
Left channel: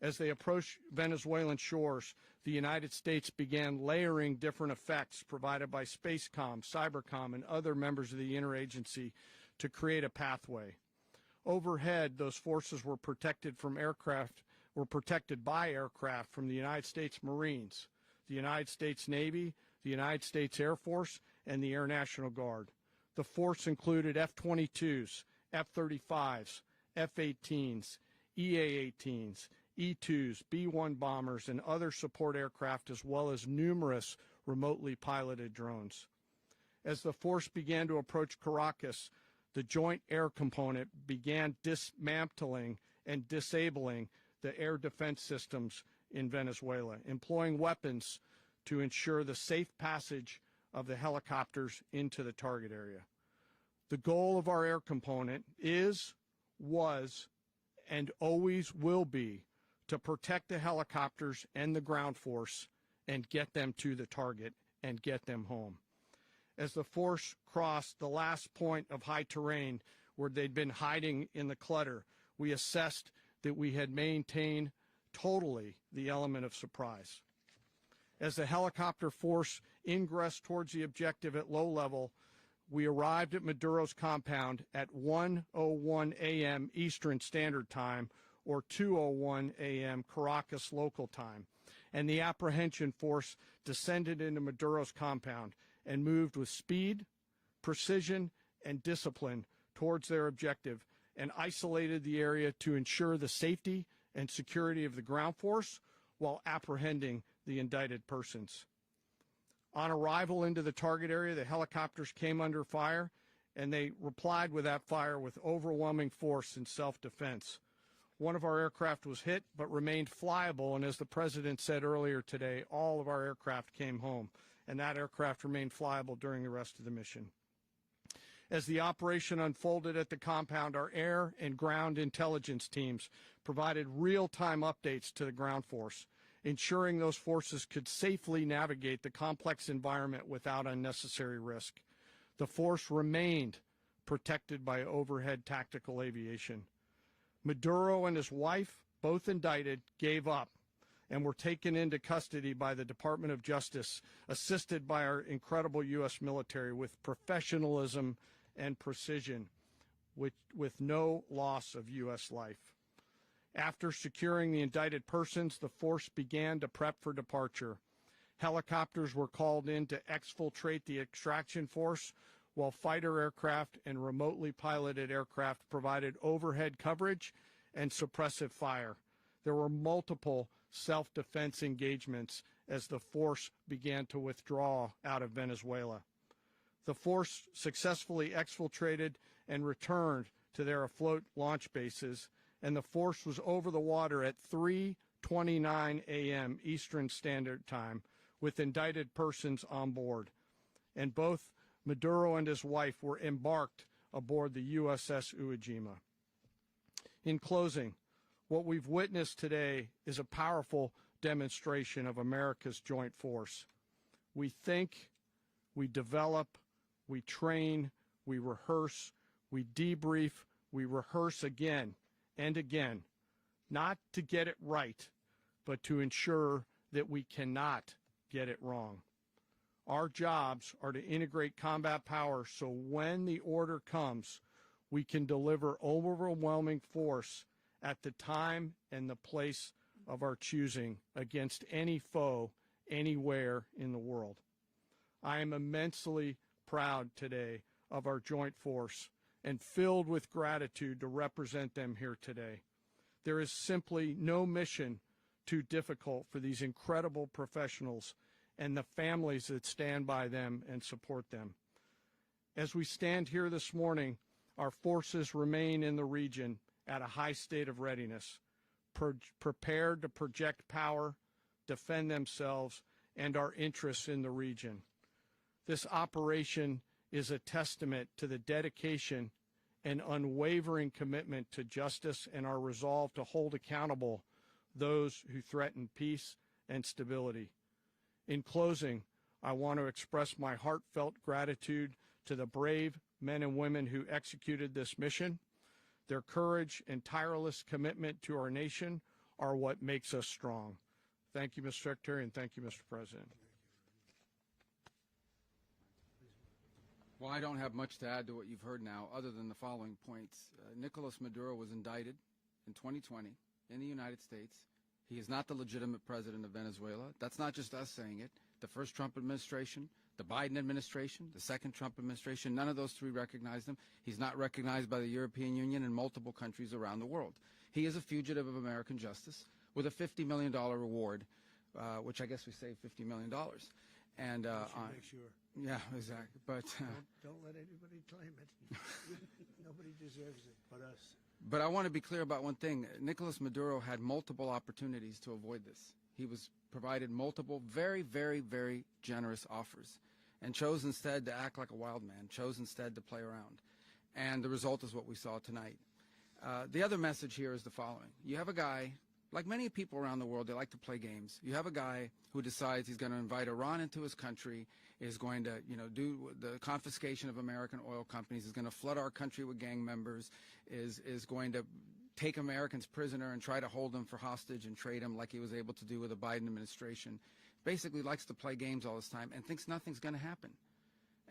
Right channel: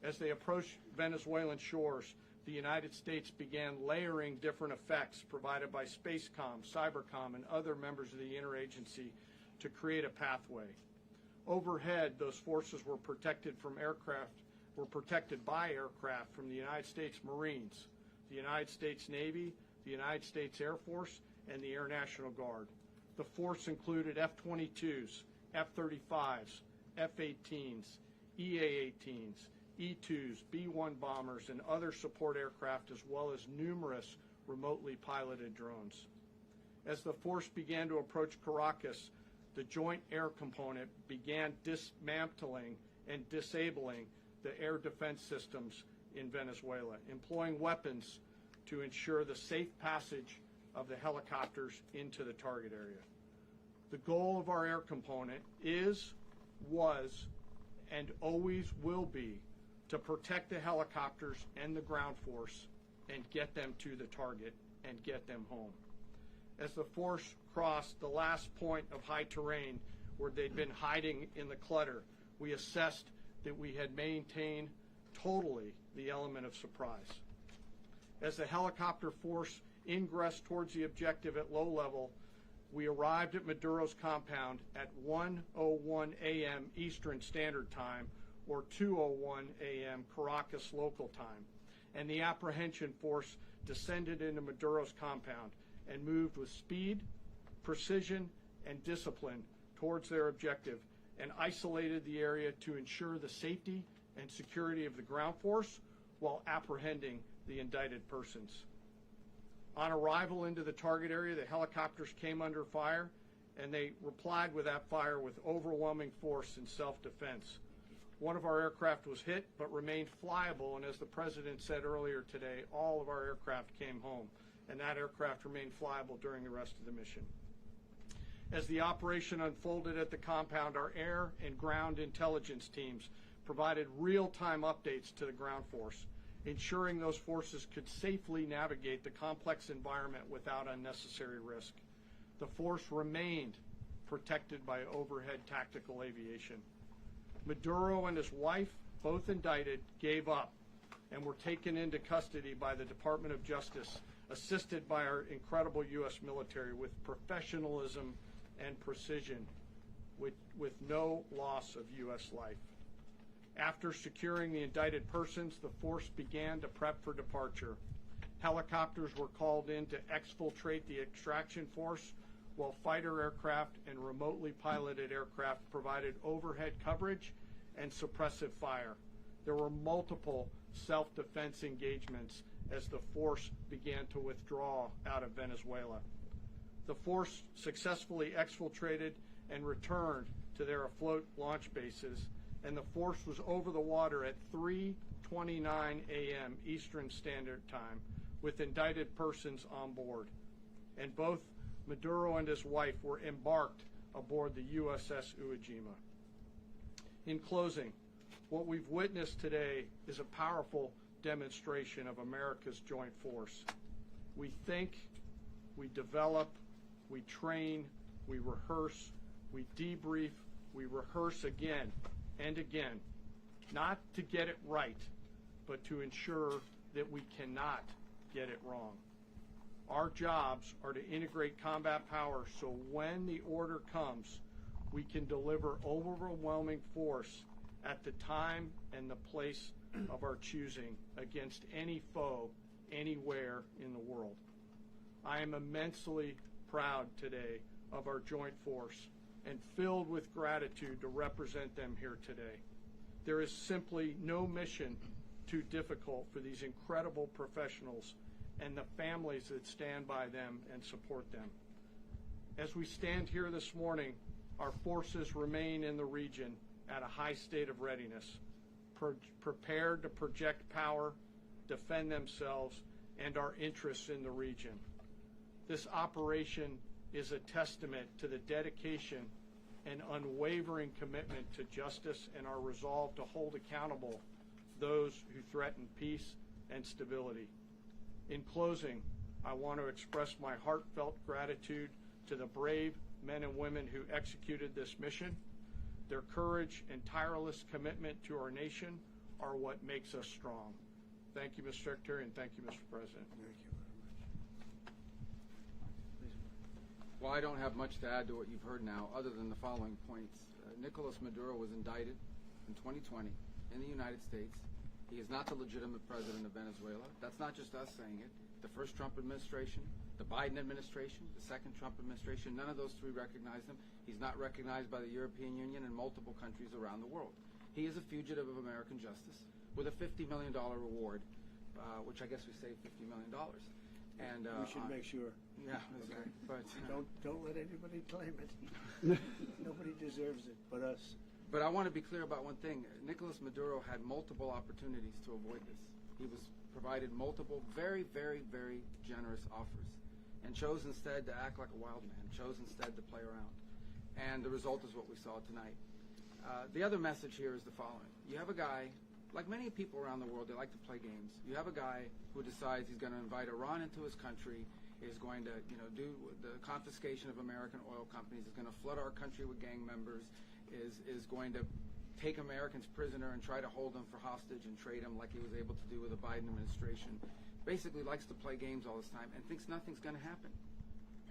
As they approached Venezuelan shores, the United States began layering different effects provided by Spacecom, Cybercom, and other members of the interagency to create a pathway. Overhead, those forces were protected by aircraft from the United States Marines, the United States Navy, the United States Air Force, and the Air National Guard. The force included F-22s, F-35s, F-18s, EA-18s, E-2s, B-1 bombers, and other support aircraft, as well as numerous remotely piloted drones. As the force began to approach Caracas, the Joint Air Component began dismantling and disabling the air defense systems in Venezuela, employing weapons to ensure the safe passage of the helicopters into the target area. The goal of our air component is, was, and always will be to protect the helicopters and the ground force and get them to the target and get them home. As the force crossed the last point of high terrain where they'd been hiding in the clutter, we assessed that we had maintained totally the element of surprise. As the helicopter force ingressed towards the objective at low level, we arrived at Maduro's compound at 1:01 a.m. Eastern Standard Time, or 2:01 a.m. Caracas local time, and the apprehension force descended into Maduro's compound and moved with speed, precision, and discipline towards their objective, and isolated the area to ensure the safety and security of the ground force while apprehending the indicted persons. On arrival into the target area, the helicopters came under fire, and they replied with that fire with overwhelming force in self-defense. One of our aircraft was hit but remained flyable, and as the President said earlier today, all of our aircraft came home, and that aircraft remained flyable during the rest of the mission. As the operation unfolded at the compound, our air and ground intelligence teams provided real-time updates to the ground force, ensuring those forces could safely navigate the complex environment without unnecessary risk. The force remained protected by overhead tactical aviation. Maduro and his wife, both indicted, gave up and were taken into custody by the Department of Justice, assisted by our incredible U.S. military with professionalism and precision, with no loss of U.S. life. After securing the indicted persons, the force began to prep for departure. Helicopters were called in to exfiltrate the extraction force, while fighter aircraft and remotely piloted aircraft provided overhead coverage and suppressive fire. There were multiple self-defense engagements as the force began to withdraw out of Venezuela. The force successfully exfiltrated and returned to their afloat launch bases, and the force was over the water at 3:29 a.m. Eastern Standard Time with indicted persons on board. And both Maduro and his wife were embarked aboard the USS Iwo Jima. In closing, what we've witnessed today is a powerful demonstration of America's joint force. We think, we develop, we train, we rehearse, we debrief, we rehearse again and again, not to get it right, but to ensure that we cannot get it wrong. Our jobs are to integrate combat power so when the order comes, we can deliver overwhelming force at the time and the place of our choosing against any foe anywhere in the world. I am immensely proud today of our joint force and filled with gratitude to represent them here today. There is simply no mission too difficult for these incredible professionals and the families that stand by them and support them. As we stand here this morning, our forces remain in the region at a high state of readiness, prepared to project power, defend themselves, and our interests in the region. This operation is a testament to the dedication and unwavering commitment to justice and our resolve to hold accountable those who threaten peace and stability. In closing, I want to express my heartfelt gratitude to the brave men and women who executed this mission. Their courage and tireless commitment to our nation are what makes us strong. Thank you, Mr. Secretary, and thank you, Mr. President. Well, I don't have much to add to what you've heard now, other than the following points. Nicolas Maduro was indicted in 2020 in the United States. He is not the legitimate president of Venezuela. That's not just us saying it. the first Trump administration, the Biden administration, the second Trump administration. None of those three recognized him. He's not recognized by the European Union and multiple countries around the world. He is a fugitive of American justice with a $50 million reward, which I guess we saved $50 million. And We should make sure. yeah, exactly. But Don't let anybody claim it. Nobody deserves it but us. But I want to be clear about one thing. Nicolas Maduro had multiple opportunities to avoid this. He was provided multiple very, very, very generous offers and chose instead to act like a wild man, chose instead to play around. And the result is what we saw tonight. The other message here is the following. You have a guy, like many people around the world, they like to play games. You have a guy who decides he's going to invite Iran into his country, is going to, do the confiscation of American oil companies, is going to flood our country with gang members, is going to take Americans prisoner and try to hold them for hostage and trade them like he was able to do with the Biden administration. Basically likes to play games all this time and thinks nothing's going to happen.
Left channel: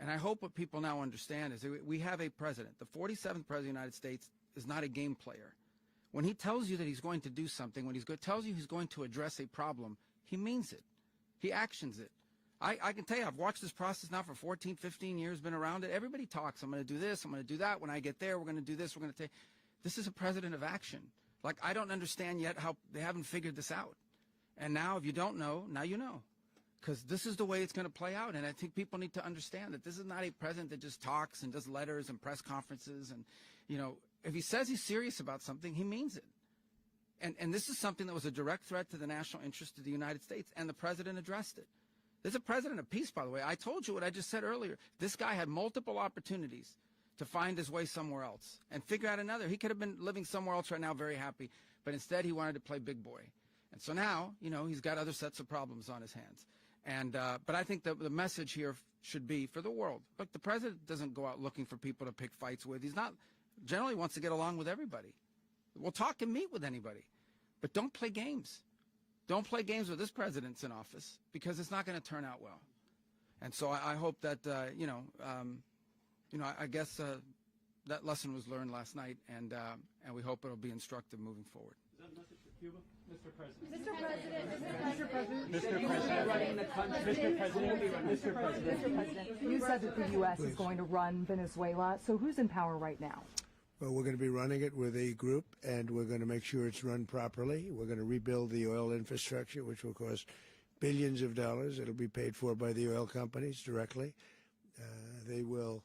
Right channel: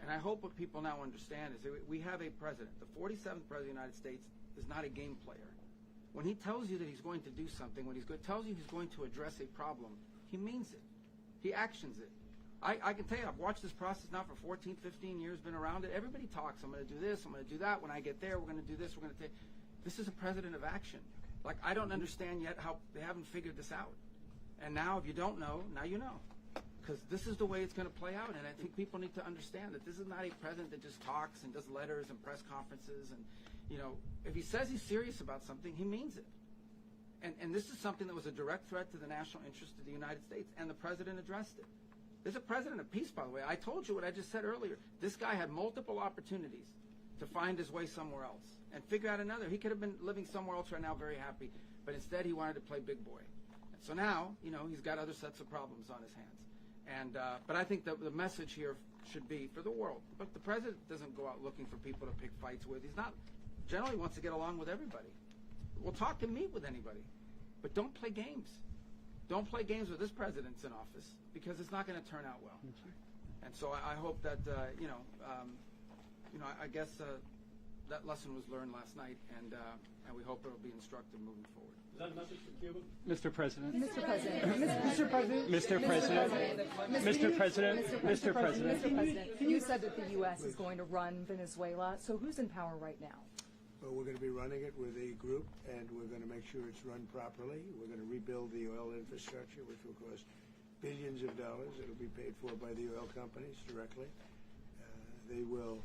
And I hope what people now understand is that we have a president. The 47th president of the United States is not a game player. When he tells you that he's going to do something, when tells you he's going to address a problem, he means it. He actions it. I can tell you, I've watched this process now for 14, 15 years, been around it. Everybody talks. I'm going to do this. I'm going to do that. When I get there, we're going to do this. We're going to take. This is a president of action. Like, I don't understand yet how they haven't figured this out. And now, if you don't know, now you know. Because this is the way it's going to play out. And I think people need to understand that this is not a president that just talks and does letters and press conferences. And, if he says he's serious about something, he means it. And this is something that was a direct threat to the national interest of the United States. And the president addressed it. There's a president of peace, by the way. I told you what I just said earlier. This guy had multiple opportunities to find his way somewhere else and figure out another. He could have been living somewhere else right now very happy. But instead, he wanted to play big boy. And so now, he's got other sets of problems on his hands. And but I think the message here should be for the world. But the president doesn't go out looking for people to pick fights with. He's not generally wants to get along with everybody. We'll talk and meet with anybody. But don't play games. Don't play games with this president's in office because it's not going to turn out well. And so I hope that, I guess that lesson was learned last night, and we hope it'll be instructive moving forward. Is that a message for Cuba? Mr. President. Mr. President. You said that the U.S. is going to run Venezuela. So who's in power right now? Well, we're going to be running it with a group, and we're going to make sure it's run properly. We're going to rebuild the oil infrastructure, which will cost billions of dollars. It'll be paid for by the oil companies directly. They will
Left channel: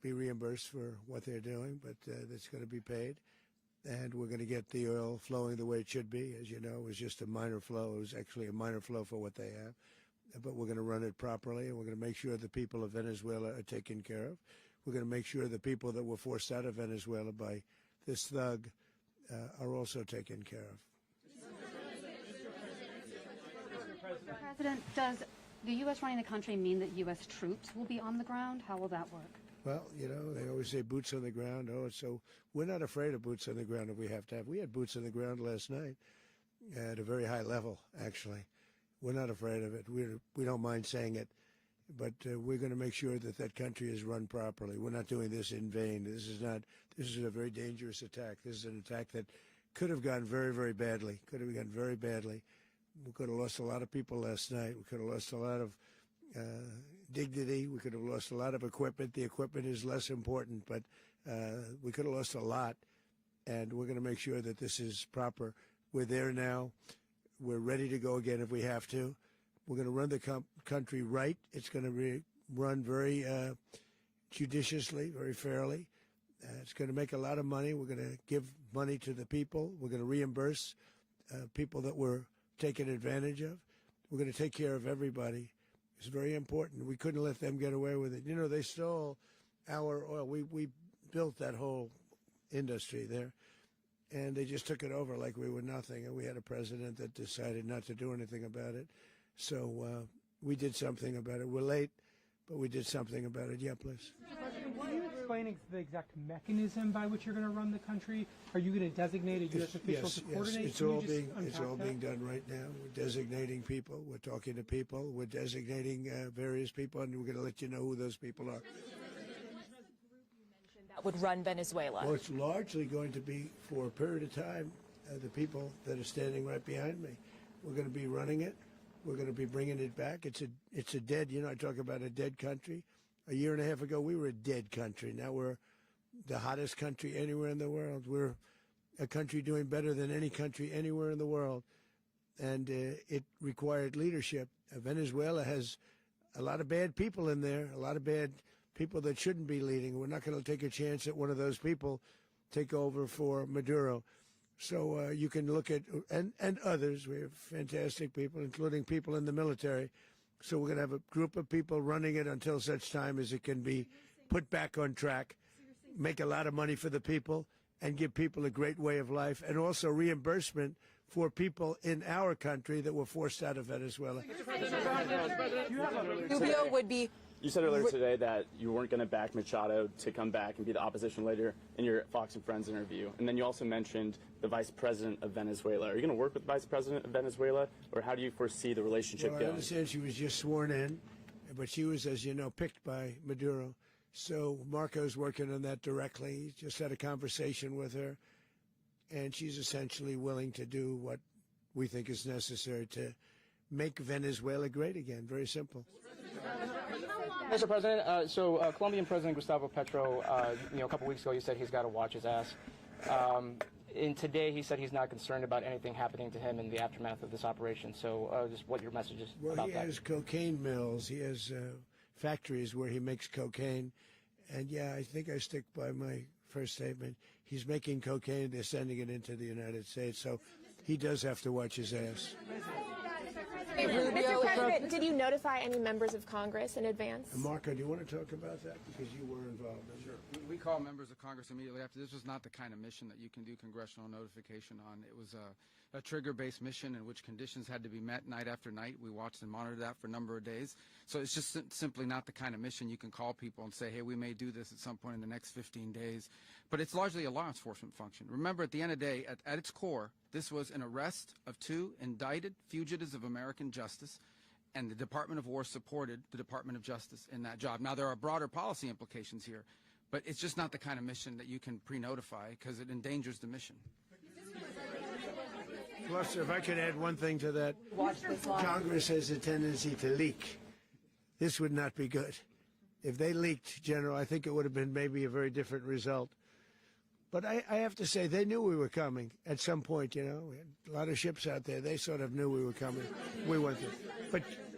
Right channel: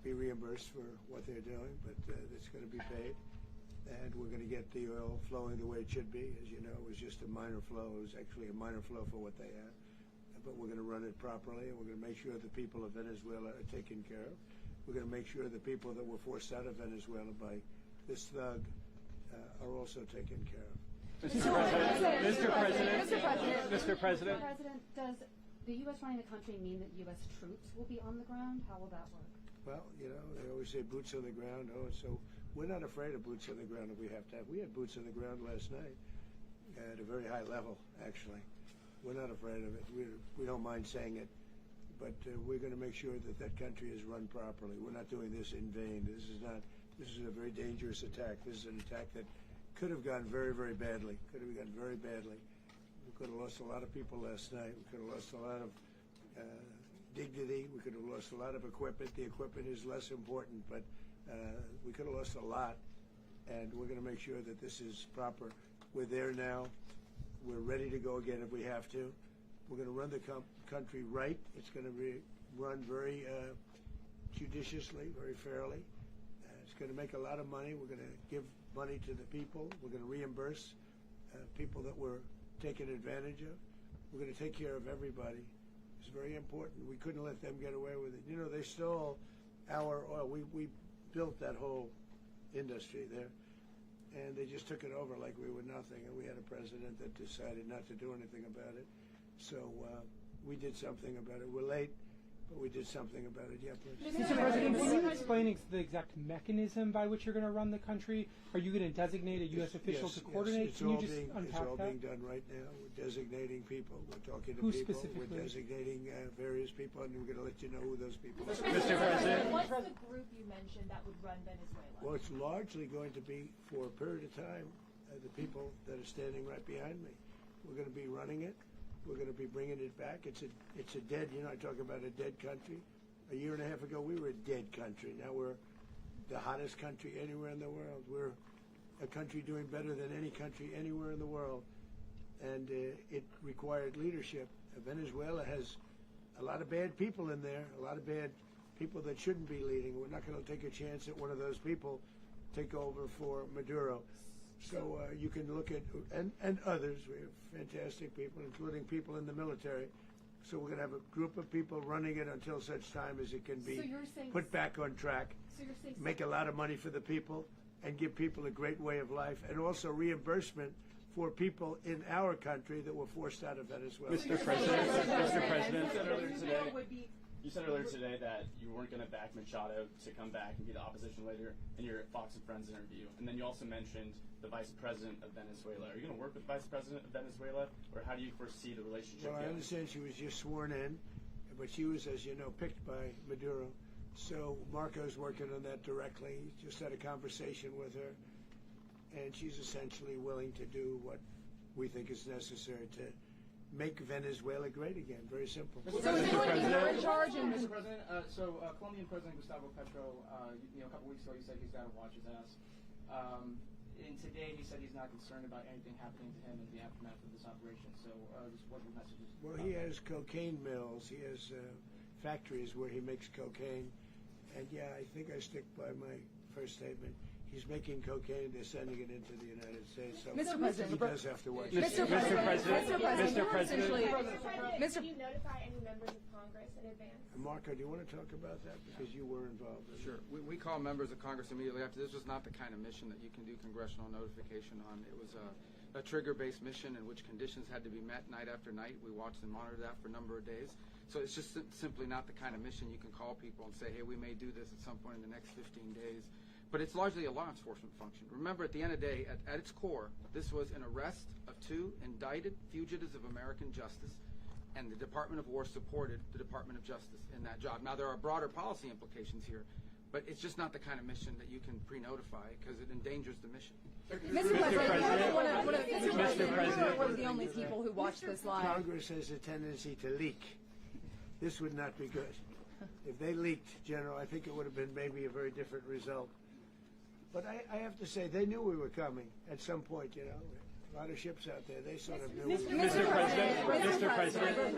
be reimbursed for what they're doing, but it's going to be paid. And we're going to get the oil flowing the way it should be. As you know, it was just a minor flow. It was actually a minor flow for what they have. But we're going to run it properly, and we're going to make sure the people of Venezuela are taken care of. We're going to make sure the people that were forced out of Venezuela by this thug are also taken care of. Mr. President. Does the U.S. running the country mean that U.S. troops will be on the ground? How will that work? Well, they always say boots on the ground. So we're not afraid of boots on the ground if we have to have. We had boots on the ground last night at a very high level, actually. We're not afraid of it. We don't mind saying it. But we're going to make sure that that country is run properly. We're not doing this in vain. This is a very dangerous attack. This is an attack that could have gone very, very badly. Could have gone very badly. We could have lost a lot of people last night. We could have lost a lot of dignity. We could have lost a lot of equipment. The equipment is less important, but we could have lost a lot. And we're going to make sure that this is proper. We're there now. We're ready to go again if we have to. We're going to run the country right. It's going to be run very judiciously, very fairly. It's going to make a lot of money. We're going to give money to the people. We're going to reimburse people that were taken advantage of. We're going to take care of everybody. It's very important. We couldn't let them get away with it. They stole our oil. We built that whole industry there, and they just took it over like we were nothing. And we had a president that decided not to do anything about it. So we did something about it. We're late, but we did something about it. Yeah, please. Mr. President, can you explain the exact mechanism by which you're going to run the country? Are you going to designate a U.S. official to coordinate? It's all being done right now. We're designating people. We're talking to people. We're designating various people, and we're going to let you know who those people are. Mr. President. What's the group you mentioned that would run Venezuela? Well, it's largely going to be, for a period of time, the people that are standing right behind me. We're going to be running it. We're going to be bringing it back. It's a dead. I talk about a dead country. A year and a half ago, we were a dead country. Now we're the hottest country anywhere in the world. We're a country doing better than any country anywhere in the world, and it required leadership. Venezuela has a lot of bad people in there, a lot of bad people that shouldn't be leading. We're not going to take a chance that one of those people take over for Maduro. So you can look at, and others, we have fantastic people, including people in the military. So we're going to have a group of people running it until such time as it can be put back on track, make a lot of money for the people, and give people a great way of life, and also reimbursement for people in our country that were forced out of Venezuela. Mr. President. Rubio would be. You said earlier today that you weren't going to back Machado to come back and be the opposition leader in your Fox and Friends interview. And then you also mentioned the vice president of Venezuela. Are you going to work with the vice president of Venezuela, or how do you foresee the relationship Well, going? I understand she was just sworn in, but she was, as you know, picked by Maduro. So Marco's working on that directly. He just had a conversation with her, and she's essentially willing to do what we think is necessary to make Venezuela great again. Very simple. Mr. President, Colombian President Gustavo Petro, a couple weeks ago, you said he's got to watch his ass. And today he said he's not concerned about anything happening to him in the aftermath of this operation. So just what your message is Well, about he that. has cocaine mills. He has factories where he makes cocaine. And yeah, I think I stick by my first statement. He's making cocaine. They're sending it into the United States. So he does have to watch his ass. Mr. President. Mr. President, did you notify any members of Congress in advance? Marco, do you want to talk about that? Because you were involved in it. Sure. We call members of Congress immediately after. This was not the kind of mission that you can do congressional notification on. It was a trigger-based mission in which conditions had to be met night after night. We watched and monitored that for a number of days. So it's just simply not the kind of mission you can call people and say, hey, we may do this at some point in the next 15 days. But it's largely a law enforcement function. Remember, at the end of the day, at its core, this was an arrest of 2 indicted fugitives of American justice, and the Department of War supported the Department of Justice in that job. Now, there are broader policy implications here, but it's just not the kind of mission that you can pre-notify because it endangers the mission. Mr. President, If I can add one thing to that, Congress has a tendency to leak. This would not be good. If they leaked, General, I think it would have been maybe a very different result. But I have to say, they knew we were coming at some point, We had a lot of ships out there. They sort of knew we were coming.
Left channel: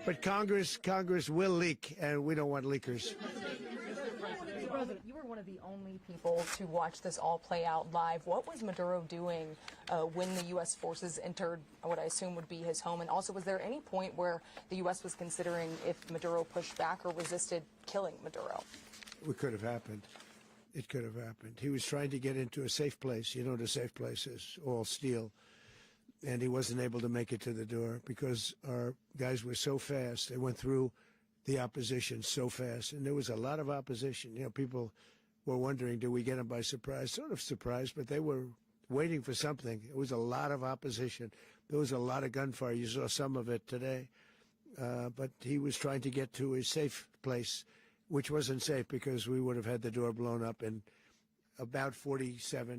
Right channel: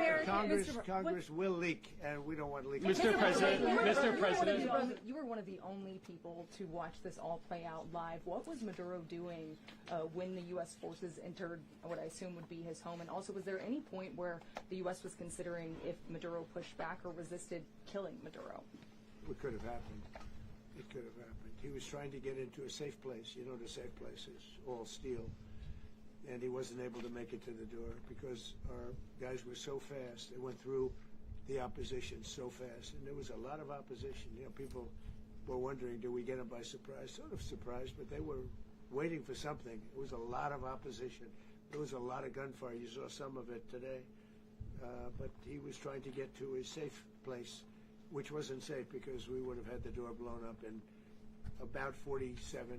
But Congress will leak, and we don't want leakage. Mr. President. You were one of the only people to watch this all play out live. What was Maduro doing when the U.S. forces entered what I assume would be his home? And also, was there any point where the U.S. was considering if Maduro pushed back or resisted killing Maduro? It could have happened. It could have happened. He was trying to get into a safe place. You know what a safe place is, all steel. And he wasn't able to make it to the door because our guys were so fast. They went through the opposition so fast. And there was a lot of opposition. People were wondering, do we get them by surprise? Sort of surprised, but they were waiting for something. It was a lot of opposition. There was a lot of gunfire. You saw some of it today. But he was trying to get to a safe place, which wasn't safe because we would have had the door blown up in about 47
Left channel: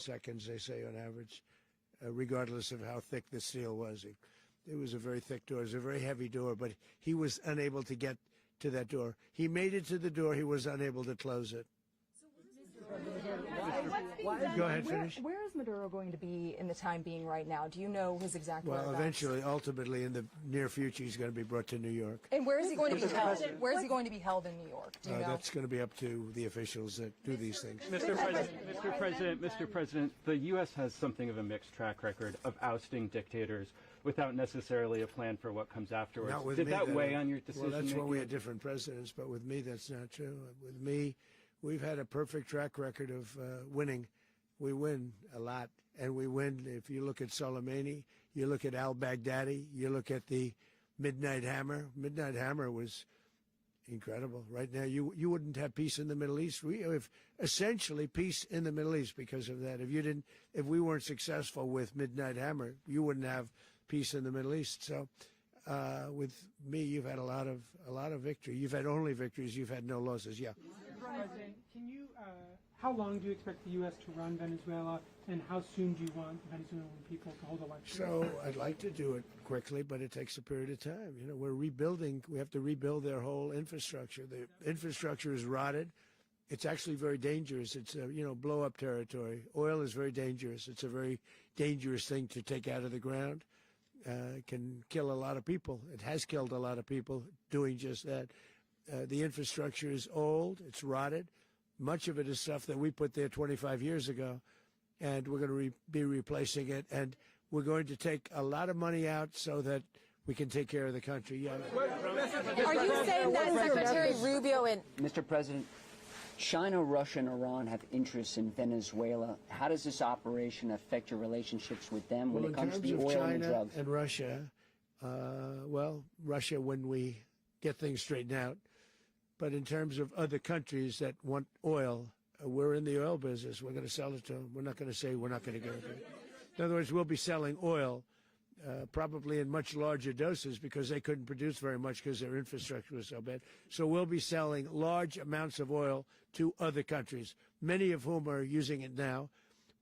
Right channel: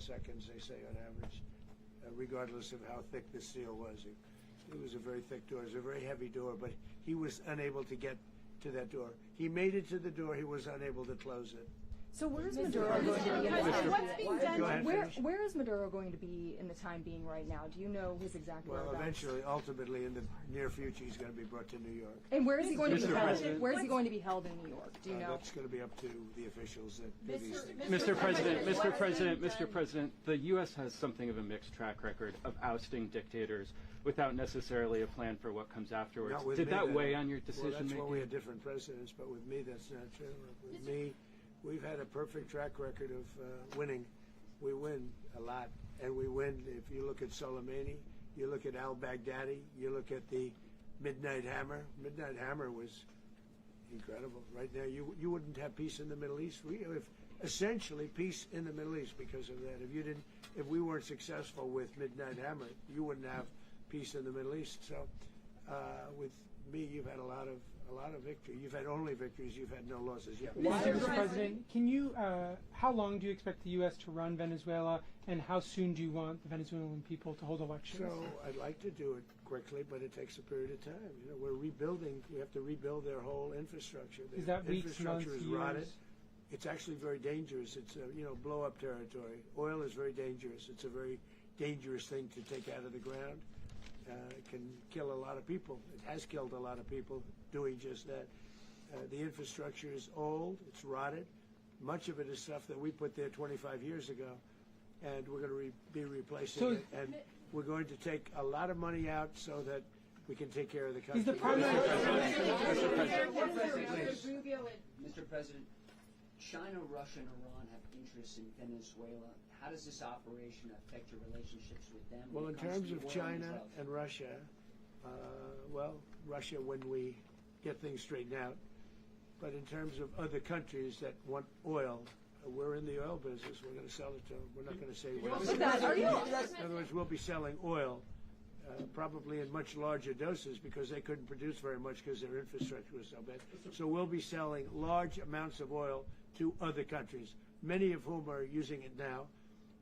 seconds, they say on average, regardless of how thick the steel was. It was a very thick door. It was a very heavy door, but he was unable to get to that door. He made it to the door. He was unable to close it. So where is Maduro going to be? Go ahead, finish. Where is Maduro going to be in the time being right now? Do you know his exact whereabouts? Well, eventually, ultimately, in the near future, he's going to be brought to New York. And where is he going to be held? Where is he going to be held in New York? Do you know? That's going to be up to the officials that do these things. Mr. President, the U.S. has something of a mixed track record of ousting dictators without necessarily a plan for what comes afterwards. Did that weigh on your decision Well, that's making? when we had different presidents, but with me, that's not true. With me, we've had a perfect track record of winning. We win a lot, and we win. If you look at Soleimani, you look at al-Baghdadi, you look at the Midnight Hammer. Midnight Hammer was incredible. Right now, you wouldn't have peace in the Middle East. We have essentially peace in the Middle East because of that. If we weren't successful with Midnight Hammer, you wouldn't have peace in the Middle East. So, with me, you've had a lot of victory. You've had only victories. You've had no losses. Yeah. Mr. President, can you? How long do you expect the U.S. to run Venezuela, and how soon do you want the Venezuelan people to hold elections? So I'd like to do it quickly, but it takes a period of time. You know, we're rebuilding. We have to rebuild their whole infrastructure. The infrastructure is rotted. It's actually very dangerous. It's blow-up territory. Oil is very dangerous. It's a very dangerous thing to take out of the ground. It can kill a lot of people. It has killed a lot of people doing just that. The infrastructure is old. It's rotted. Much of it is stuff that we put there 25 years ago, and we're going to be replacing it. And we're going to take a lot of money out so that we can take care of the country. Are you saying that Secretary Rubio and Mr. President, China, Russia, and Iran have interests in Venezuela. How does this operation affect your relationships with them when it comes to the oil and drugs? In terms of China and Russia, Russia when we get things straightened out. But in terms of other countries that want oil, we're in the oil business. We're going to sell it to them. We're not going to say we're not going to. In other words, we'll be selling oil probably in much larger doses because they couldn't produce very much because their infrastructure was so bad. So we'll be selling large amounts of oil to other countries, many of whom are using it now,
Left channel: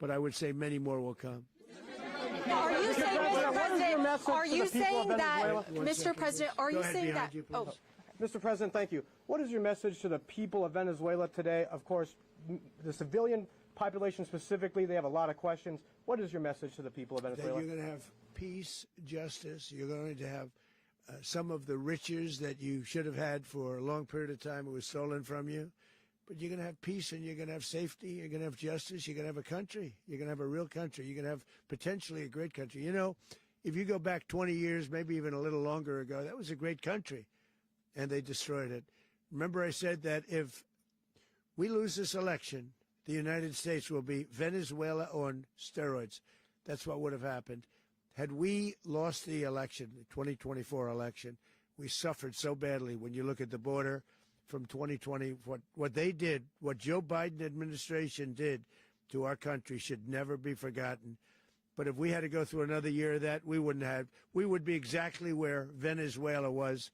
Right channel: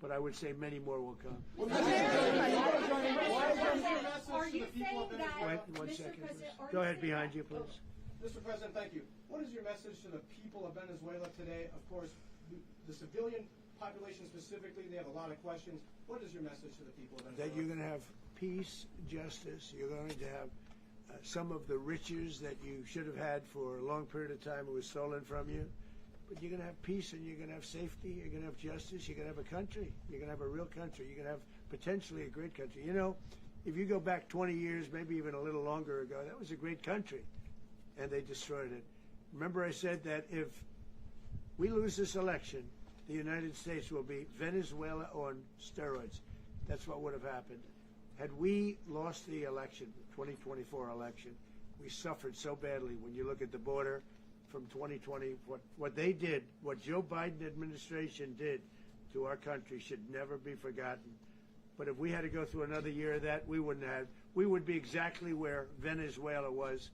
but I would say many more will come. Are you saying that, Mr. President, are you saying that? Oh. Mr. President, thank you. What is your message to the people of Venezuela today? Of course, the civilian population specifically, they have a lot of questions. What is your message to the people of Venezuela? That you're going to have peace, justice. You're going to have some of the riches that you should have had for a long period of time. It was stolen from you. But you're going to have peace and you're going to have safety. You're going to have justice. You're going to have a country. You're going to have a real country. You're going to have potentially a great country. You know, if you go back 20 years, maybe even a little longer ago, that was a great country. And they destroyed it. Remember I said that if we lose this election, the United States will be Venezuela on steroids. That's what would have happened. Had we lost the election, the 2024 election, we suffered so badly when you look at the border from 2020. What they did, what Joe Biden administration did to our country should never be forgotten. But if we had to go through another year of that, we wouldn't have. We would be exactly where Venezuela was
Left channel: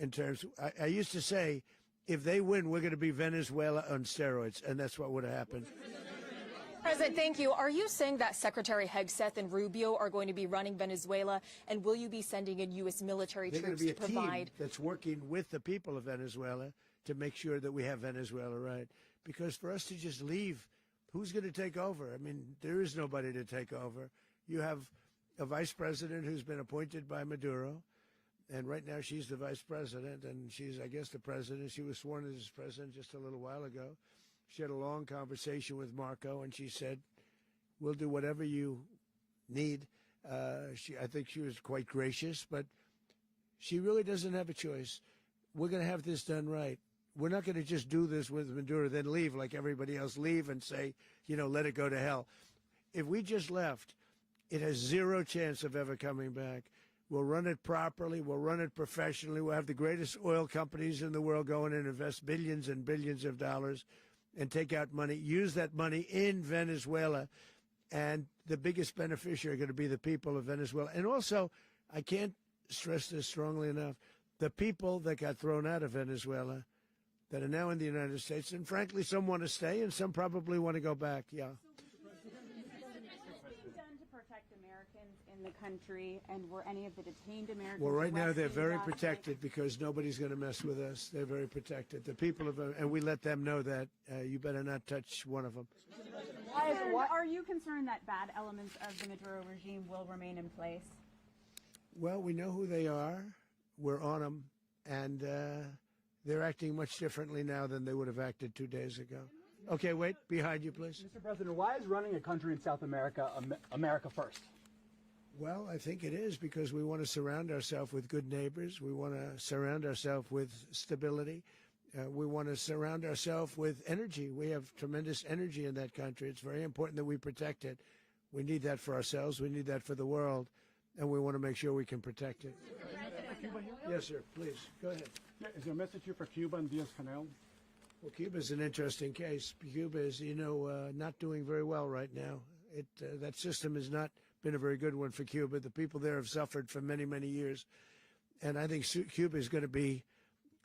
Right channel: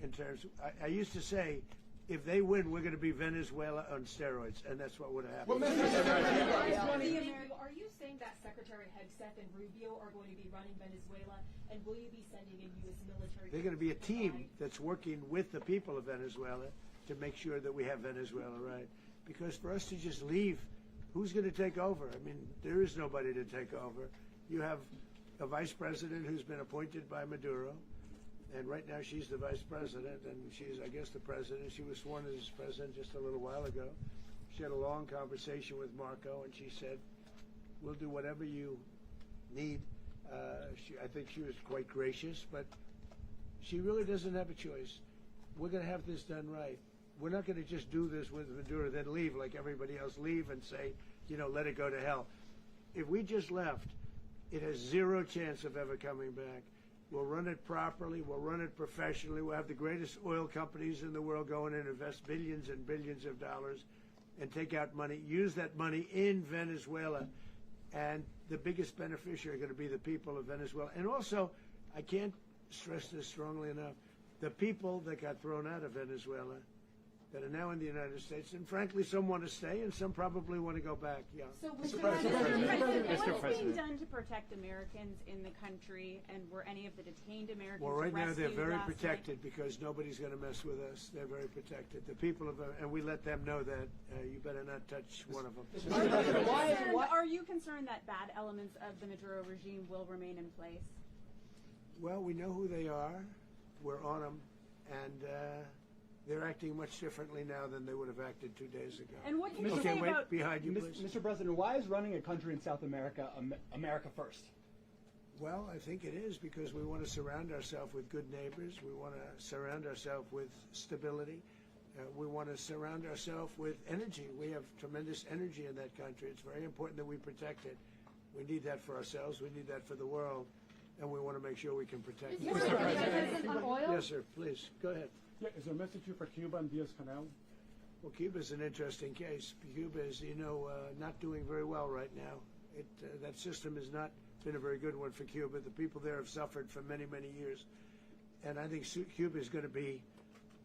in terms of, I used to say, if they win, we're going to be Venezuela on steroids, and that's what would have happened. President, thank you. Are you saying that Secretary Hegseth and Rubio are going to be running Venezuela, and will you be sending in U.S. military troops to provide? They're going to be a team that's working with the people of Venezuela to make sure that we have Venezuela right. Because for us to just leave, who's going to take over? I mean, there is nobody to take over. You have a vice president who's been appointed by Maduro. And right now she's the vice president, and she's, I guess, the president. She was sworn as president just a little while ago. She had a long conversation with Marco, and she said, we'll do whatever you need. I think she was quite gracious, but she really doesn't have a choice. We're going to have this done right. We're not going to just do this with Maduro, then leave like everybody else, leave and say, let it go to hell. If we just left, it has zero chance of ever coming back. We'll run it properly. We'll run it professionally. We'll have the greatest oil companies in the world go in and invest billions and billions of dollars and take out money, use that money in Venezuela. And the biggest beneficiary are going to be the people of Venezuela. And also, I can't stress this strongly enough, the people that got thrown out of Venezuela that are now in the United States, and frankly, some want to stay and some probably want to go back. Yeah. So, Mr. President, what is being done to protect Americans in the country, and were any of the detained Americans Well, right now they're very last protected night? because nobody's going to mess with us. They're very protected. The people of, and we let them know that you better not touch one of them. Are you concerned that bad elements of the Maduro regime will remain in place? Well, we know who they are. We're on them, and they're acting much differently now than they would have acted 2 days ago. And what can you okay, say wait, about behind you, please. Mr. President, why is running a country in South America America first? Well, I think it is because we want to surround ourselves with good neighbors. We want to surround ourselves with stability. We want to surround ourselves with energy. We have tremendous energy in that country. It's very important that we protect it. We need that for ourselves. We need that for the world. And we want to make sure we can protect it. Mr. President, on oil? Yes, sir. Please, go ahead. Yeah, is there a message here for Cuba and Diaz-Canel? Well, Cuba's an interesting case. Cuba is, not doing very well right now. That system has not been a very good one for Cuba. The people there have suffered for many, many years. And I think Cuba is going to be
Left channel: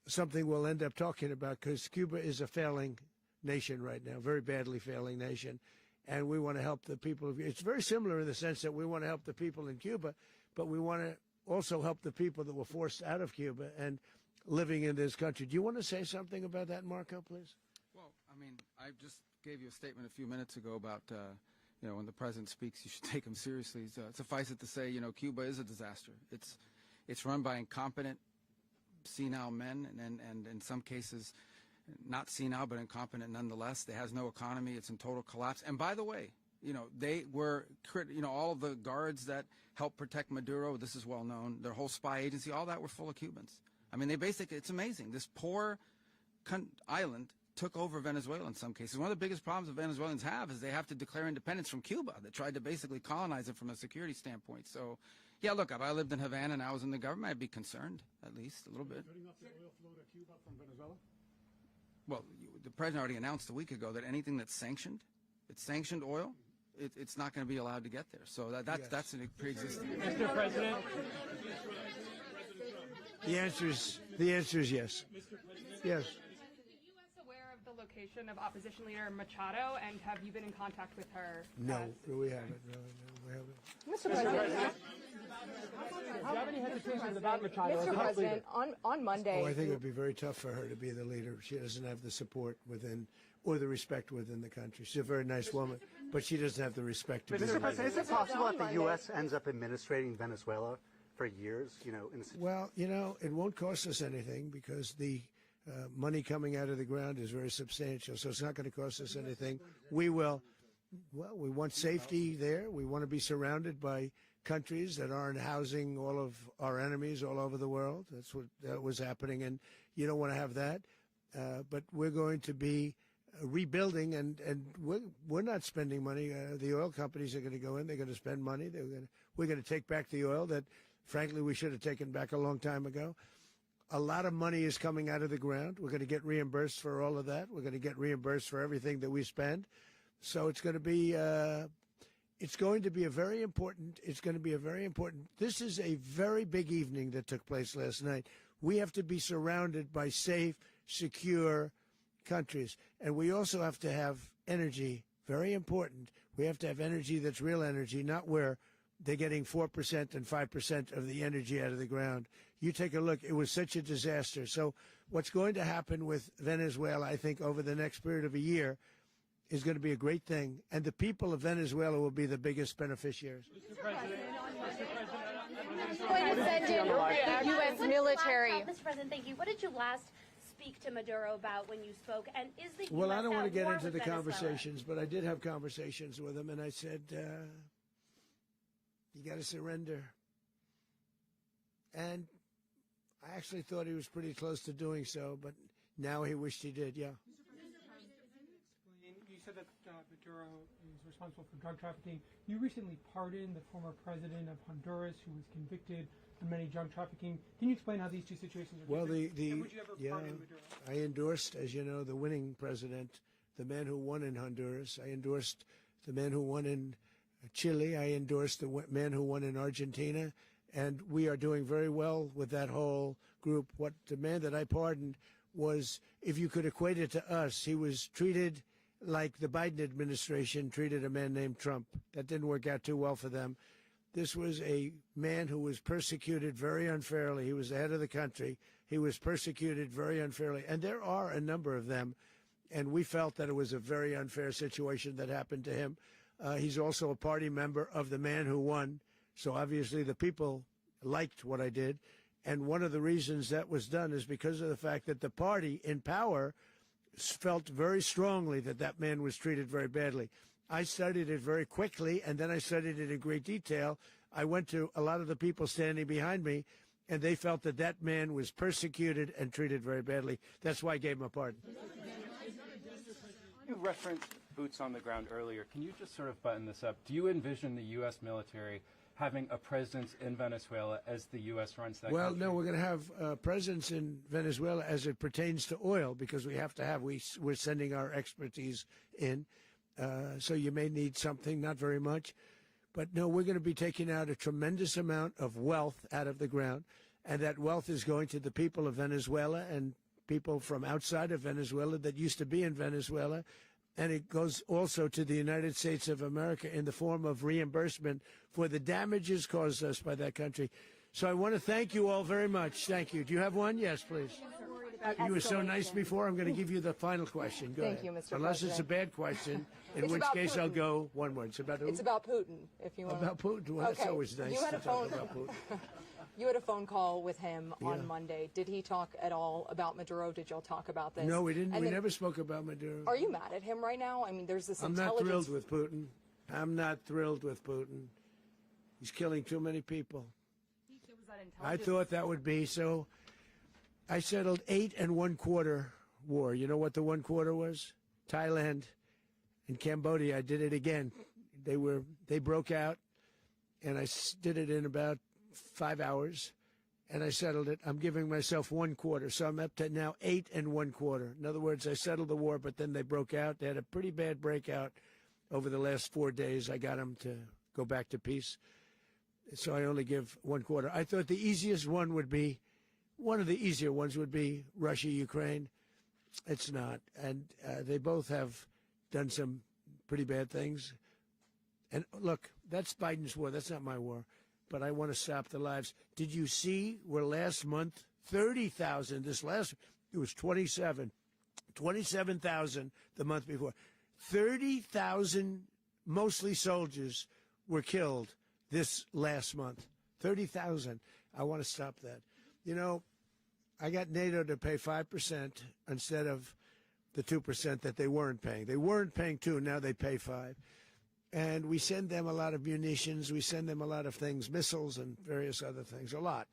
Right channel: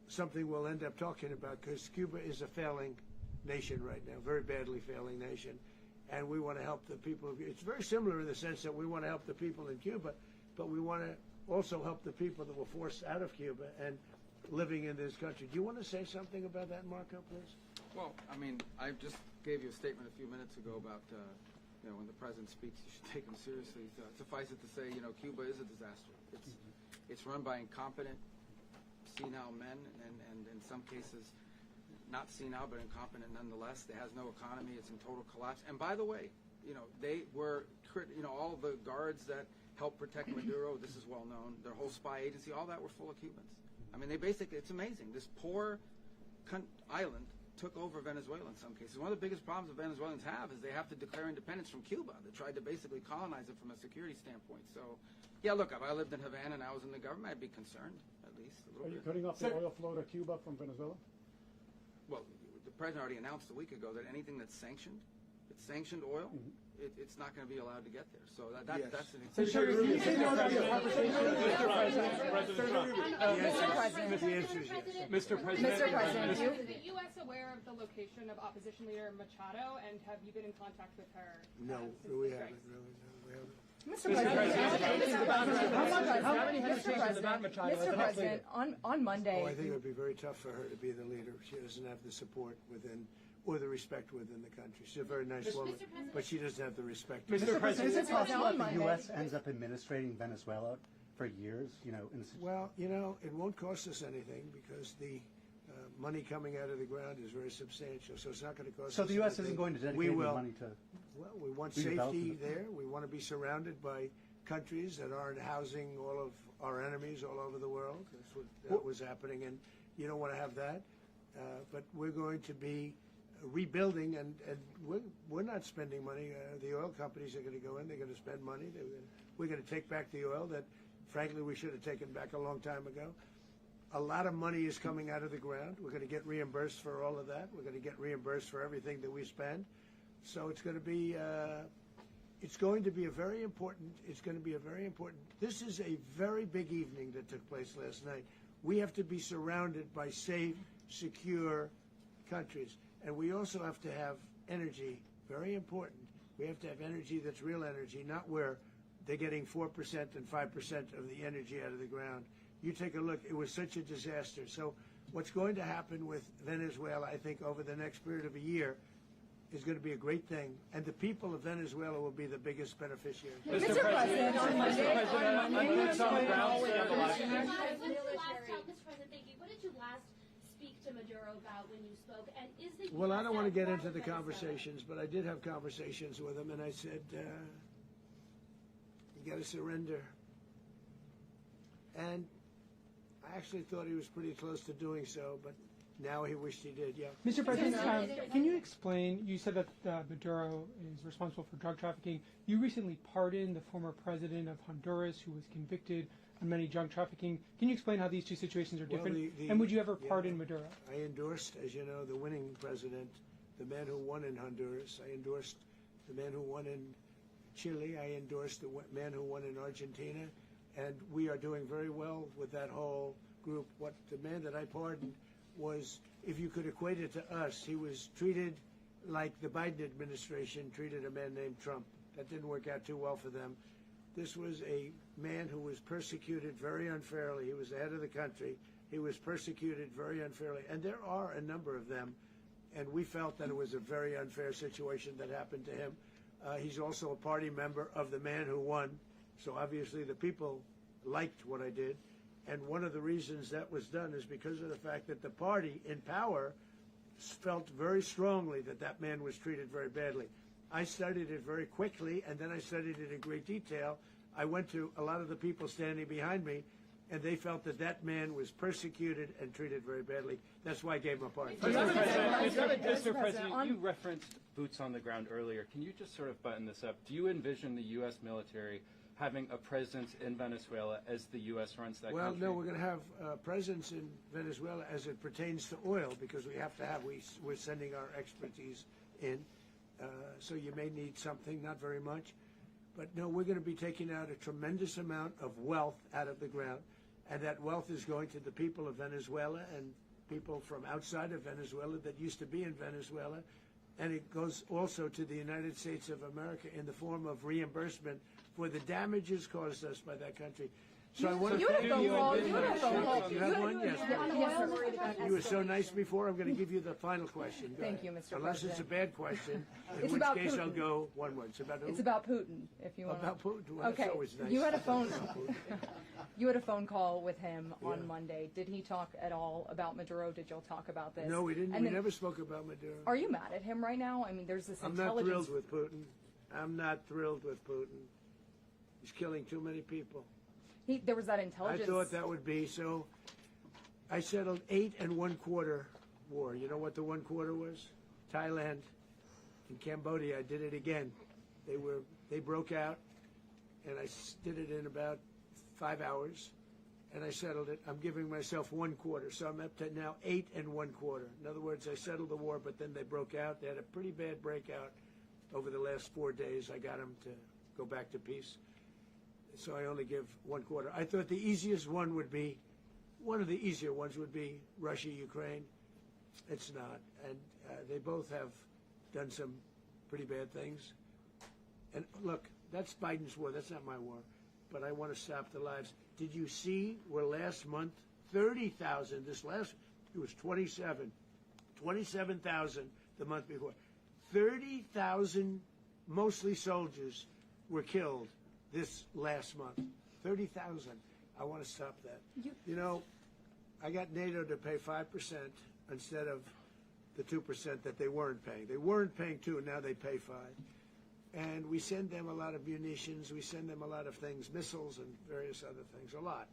something we'll end up talking about, because Cuba is a failing nation right now, very badly failing nation. And we want to help the people of It's very similar in the sense that we want to help the people in Cuba, but we want to also help the people that were forced out of Cuba and living in this country. Do you want to say something about that, Marco, please? Well, I mean, I just gave you a statement a few minutes ago about, when the president speaks, you should take him seriously. So suffice it to say, Cuba is a disaster. It's run by incompetent, senile men, and in some cases, not senile, but incompetent nonetheless. It has no economy. It's in total collapse. And by the way, they were, all the guards that helped protect Maduro, this is well known, their whole spy agency, all that were full of Cubans. I mean, it's amazing. This poor island took over Venezuela in some cases. One of the biggest problems that Venezuelans have is they have to declare independence from Cuba. They tried to basically colonize it from a security standpoint. So, yeah, look, if I lived in Havana and I was in the government, I'd be concerned, at least a little bit. Are you cutting off the oil flow to Cuba from Venezuela? Well, the president already announced a week ago that anything that's sanctioned oil, it's not going to be allowed to get there. So that's an The answer is yes. Mr. President. Is the U.S. aware of the location of opposition leader Machado, and have you been in contact with her? No, we haven't. Really, no, we haven't. How many hesitations about Machado? Mr. President, on Monday. Oh, I think it would be very tough for her to be the leader. She doesn't have the support within, or the respect within the country. She's a very nice woman, but she doesn't have the respect. Mr. President, is it possible that the U.S. ends up administrating Venezuela for years? Well, it won't cost us anything because the money coming out of the ground is very substantial, so it's not going to cost us anything. So the U.S. isn't going to dedicate we will. money to... Well, we want safety there. We want to be surrounded by countries that aren't housing all of our enemies all over the world. That's what was happening, and you don't want to have that. But we're going to be rebuilding, and we're not spending money. The oil companies are going to go in. They're going to spend money. We're going to take back the oil that, frankly, we should have taken back a long time ago. A lot of money is coming out of the ground. We're going to get reimbursed for all of that. We're going to get reimbursed for everything that we spend. So it's going to be a very important. This is a very big evening that took place last night. We have to be surrounded by safe, secure countries, and we also have to have energy. Very important. We have to have energy that's real energy, not where they're getting 4% and 5% of the energy out of the ground. You take a look, it was such a disaster. So what's going to happen with Venezuela, I think, over the next period of a year is going to be a great thing. And the people of Venezuela will be the biggest beneficiaries. Mr. President, on Monday, U.S. military. Mr. President, thank you. What did you last speak to Maduro about when you spoke? And is the U.S. Well, I don't want to get at war into the with Venezuela? conversations, but I did have conversations with him, and I said, you got to surrender. And I actually thought he was pretty close to doing so, but now he wished he did, yeah. Mr. President, can you explain, you said that Maduro is responsible for drug trafficking. You recently pardoned the former president of Honduras who was convicted of many drug trafficking. Can you explain how these two situations are different? And would you ever pardon Maduro? I endorsed, as you know, the winning president, the man who won in Honduras. I endorsed the man who won in Chile. I endorsed the man who won in Argentina. And we are doing very well with that whole group. What the man that I pardoned was, if you could equate it to us, he was treated like the Biden administration treated a man named Trump. That didn't work out too well for them. This was a man who was persecuted very unfairly. He was the head of the country. He was persecuted very unfairly. And there are a number of them. And we felt that it was a very unfair situation that happened to him. He's also a party member of the man who won. So obviously the people liked what I did. And one of the reasons that was done is because of the fact that the party in power felt very strongly that that man was treated very badly. I studied it very quickly, and then I studied it in great detail. I went to a lot of the people standing behind me, and they felt that that man was persecuted and treated very badly. That's why I gave him a pardon. Mr. President, you referenced boots on the ground earlier. Can you just sort of button this up? Do you envision the U.S. military having a presence in Venezuela as the U.S. runs that country? Well, no, we're going to have a presence in Venezuela as it pertains to oil, because we have to have, we're sending our expertise in. So you may need something, not very much. But no, we're going to be taking out a tremendous amount of wealth out of the ground. and that wealth is going to the people of Venezuela and people from outside of Venezuela that used to be in Venezuela, and it goes also to the United States of America in the form of reimbursement for the damages caused us by that country. So I want to thank you all very much. Thank you. Do you have one? Yes, please. You were so nice before. I'm going to give you the final question. Go Thank ahead. you, Mr. Unless it's a bad question, in It's which about case I'll Putin. go one more. It's about who? It's about Putin, if you want. About Putin. Well, Okay. that's always nice. You had a to talk phone. about Putin. You had a phone call with him on Yeah. Monday. Did he talk at all about Maduro? Did y'all talk about this? No, we didn't. And We then- never spoke about Maduro. Are you mad at him right now? I mean, there's this I'm not intelligence. thrilled with Putin. I'm not thrilled with Putin. He's killing too many people. There was that I intelligence. thought that would be so. I settled 8 1/4 war. You know what the 1/4 was? Thailand and Cambodia. I did it again. They broke out, and I did it in about 5 hours, and I settled it. I'm giving myself 1/4, so I'm up to now 8 1/4. In other words, I settled the war, but then they broke out. They had a pretty bad breakout over the last 4 days. I got them to go back to peace. So I only give 1/4. I thought the easiest one would be, one of the easier ones would be Russia, Ukraine. It's not. And they both have done some pretty bad things. And look, that's Biden's war. That's not my war. But I want to stop the lives. Did you see where last month, 30,000, it was 27,000 the month before. 30,000, mostly soldiers, were killed this last month. 30,000. I want to stop that. You know, I got NATO to pay 5% instead of the 2% that they weren't paying. They weren't paying 2, now they pay 5. And we send them a lot of munitions, we send them a lot of things, missiles and various other things, a lot.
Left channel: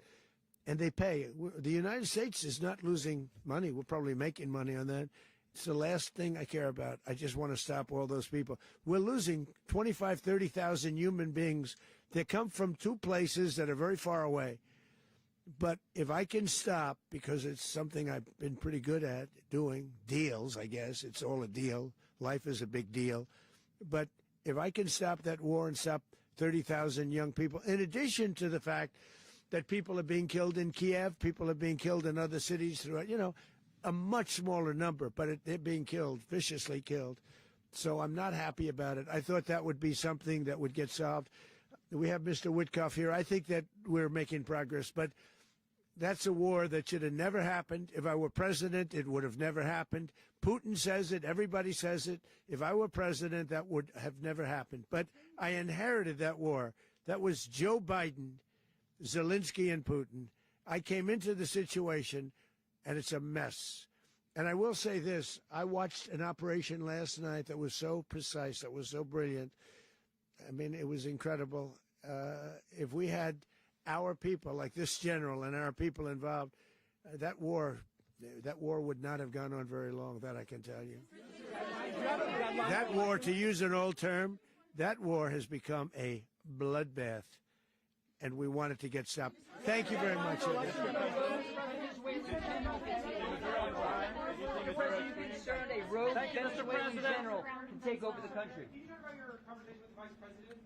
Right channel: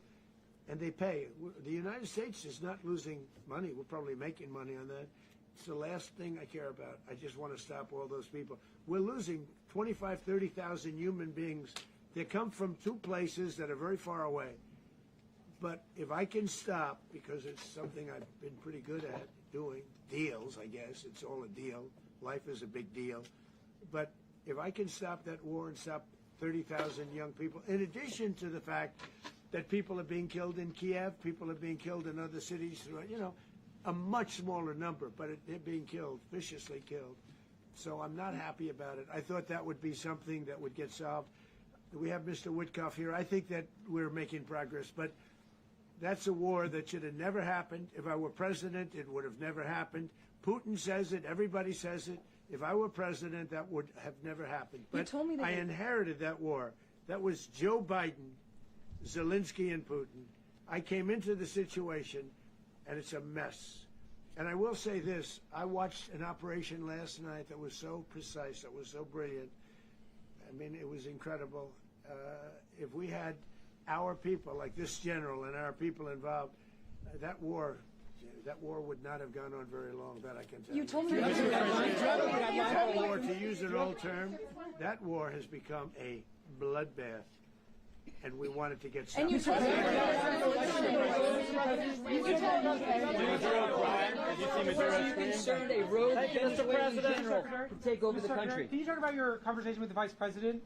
And they pay. The United States is not losing money. We're probably making money on that. It's the last thing I care about. I just want to stop all those people. We're losing 25, 30,000 human beings that come from 2 places that are very far away. But if I can stop, because it's something I've been pretty good at doing, deals, I guess. It's all a deal. Life is a big deal. But if I can stop that war and stop 30,000 young people, in addition to the fact that people are being killed in Kiev, people are being killed in other cities, you know, a much smaller number, but they're being killed, viciously killed. So I'm not happy about it. I thought that would be something that would get solved. We have Mr. Witkoff here. I think that we're making progress, but that's a war that should have never happened. If I were president, it would have never happened. Putin says it. Everybody says it. If I were president, that would have never happened. But I inherited that war. That was Joe Biden, Zelensky, and Putin. I came into the situation, and it's a mess. And I will say this. I watched an operation last night that was so precise, that was so brilliant. I mean, it was incredible. If we had our people, like this general, and our people involved, that war would not have gone on very long, that I can tell you. You told me That war, to use an old term, that war has become a bloodbath. And we want it to get stopped. Thank you very much. Are you concerned a rogue Venezuelan general can take over the country? Can you talk about your conversation with the vice president?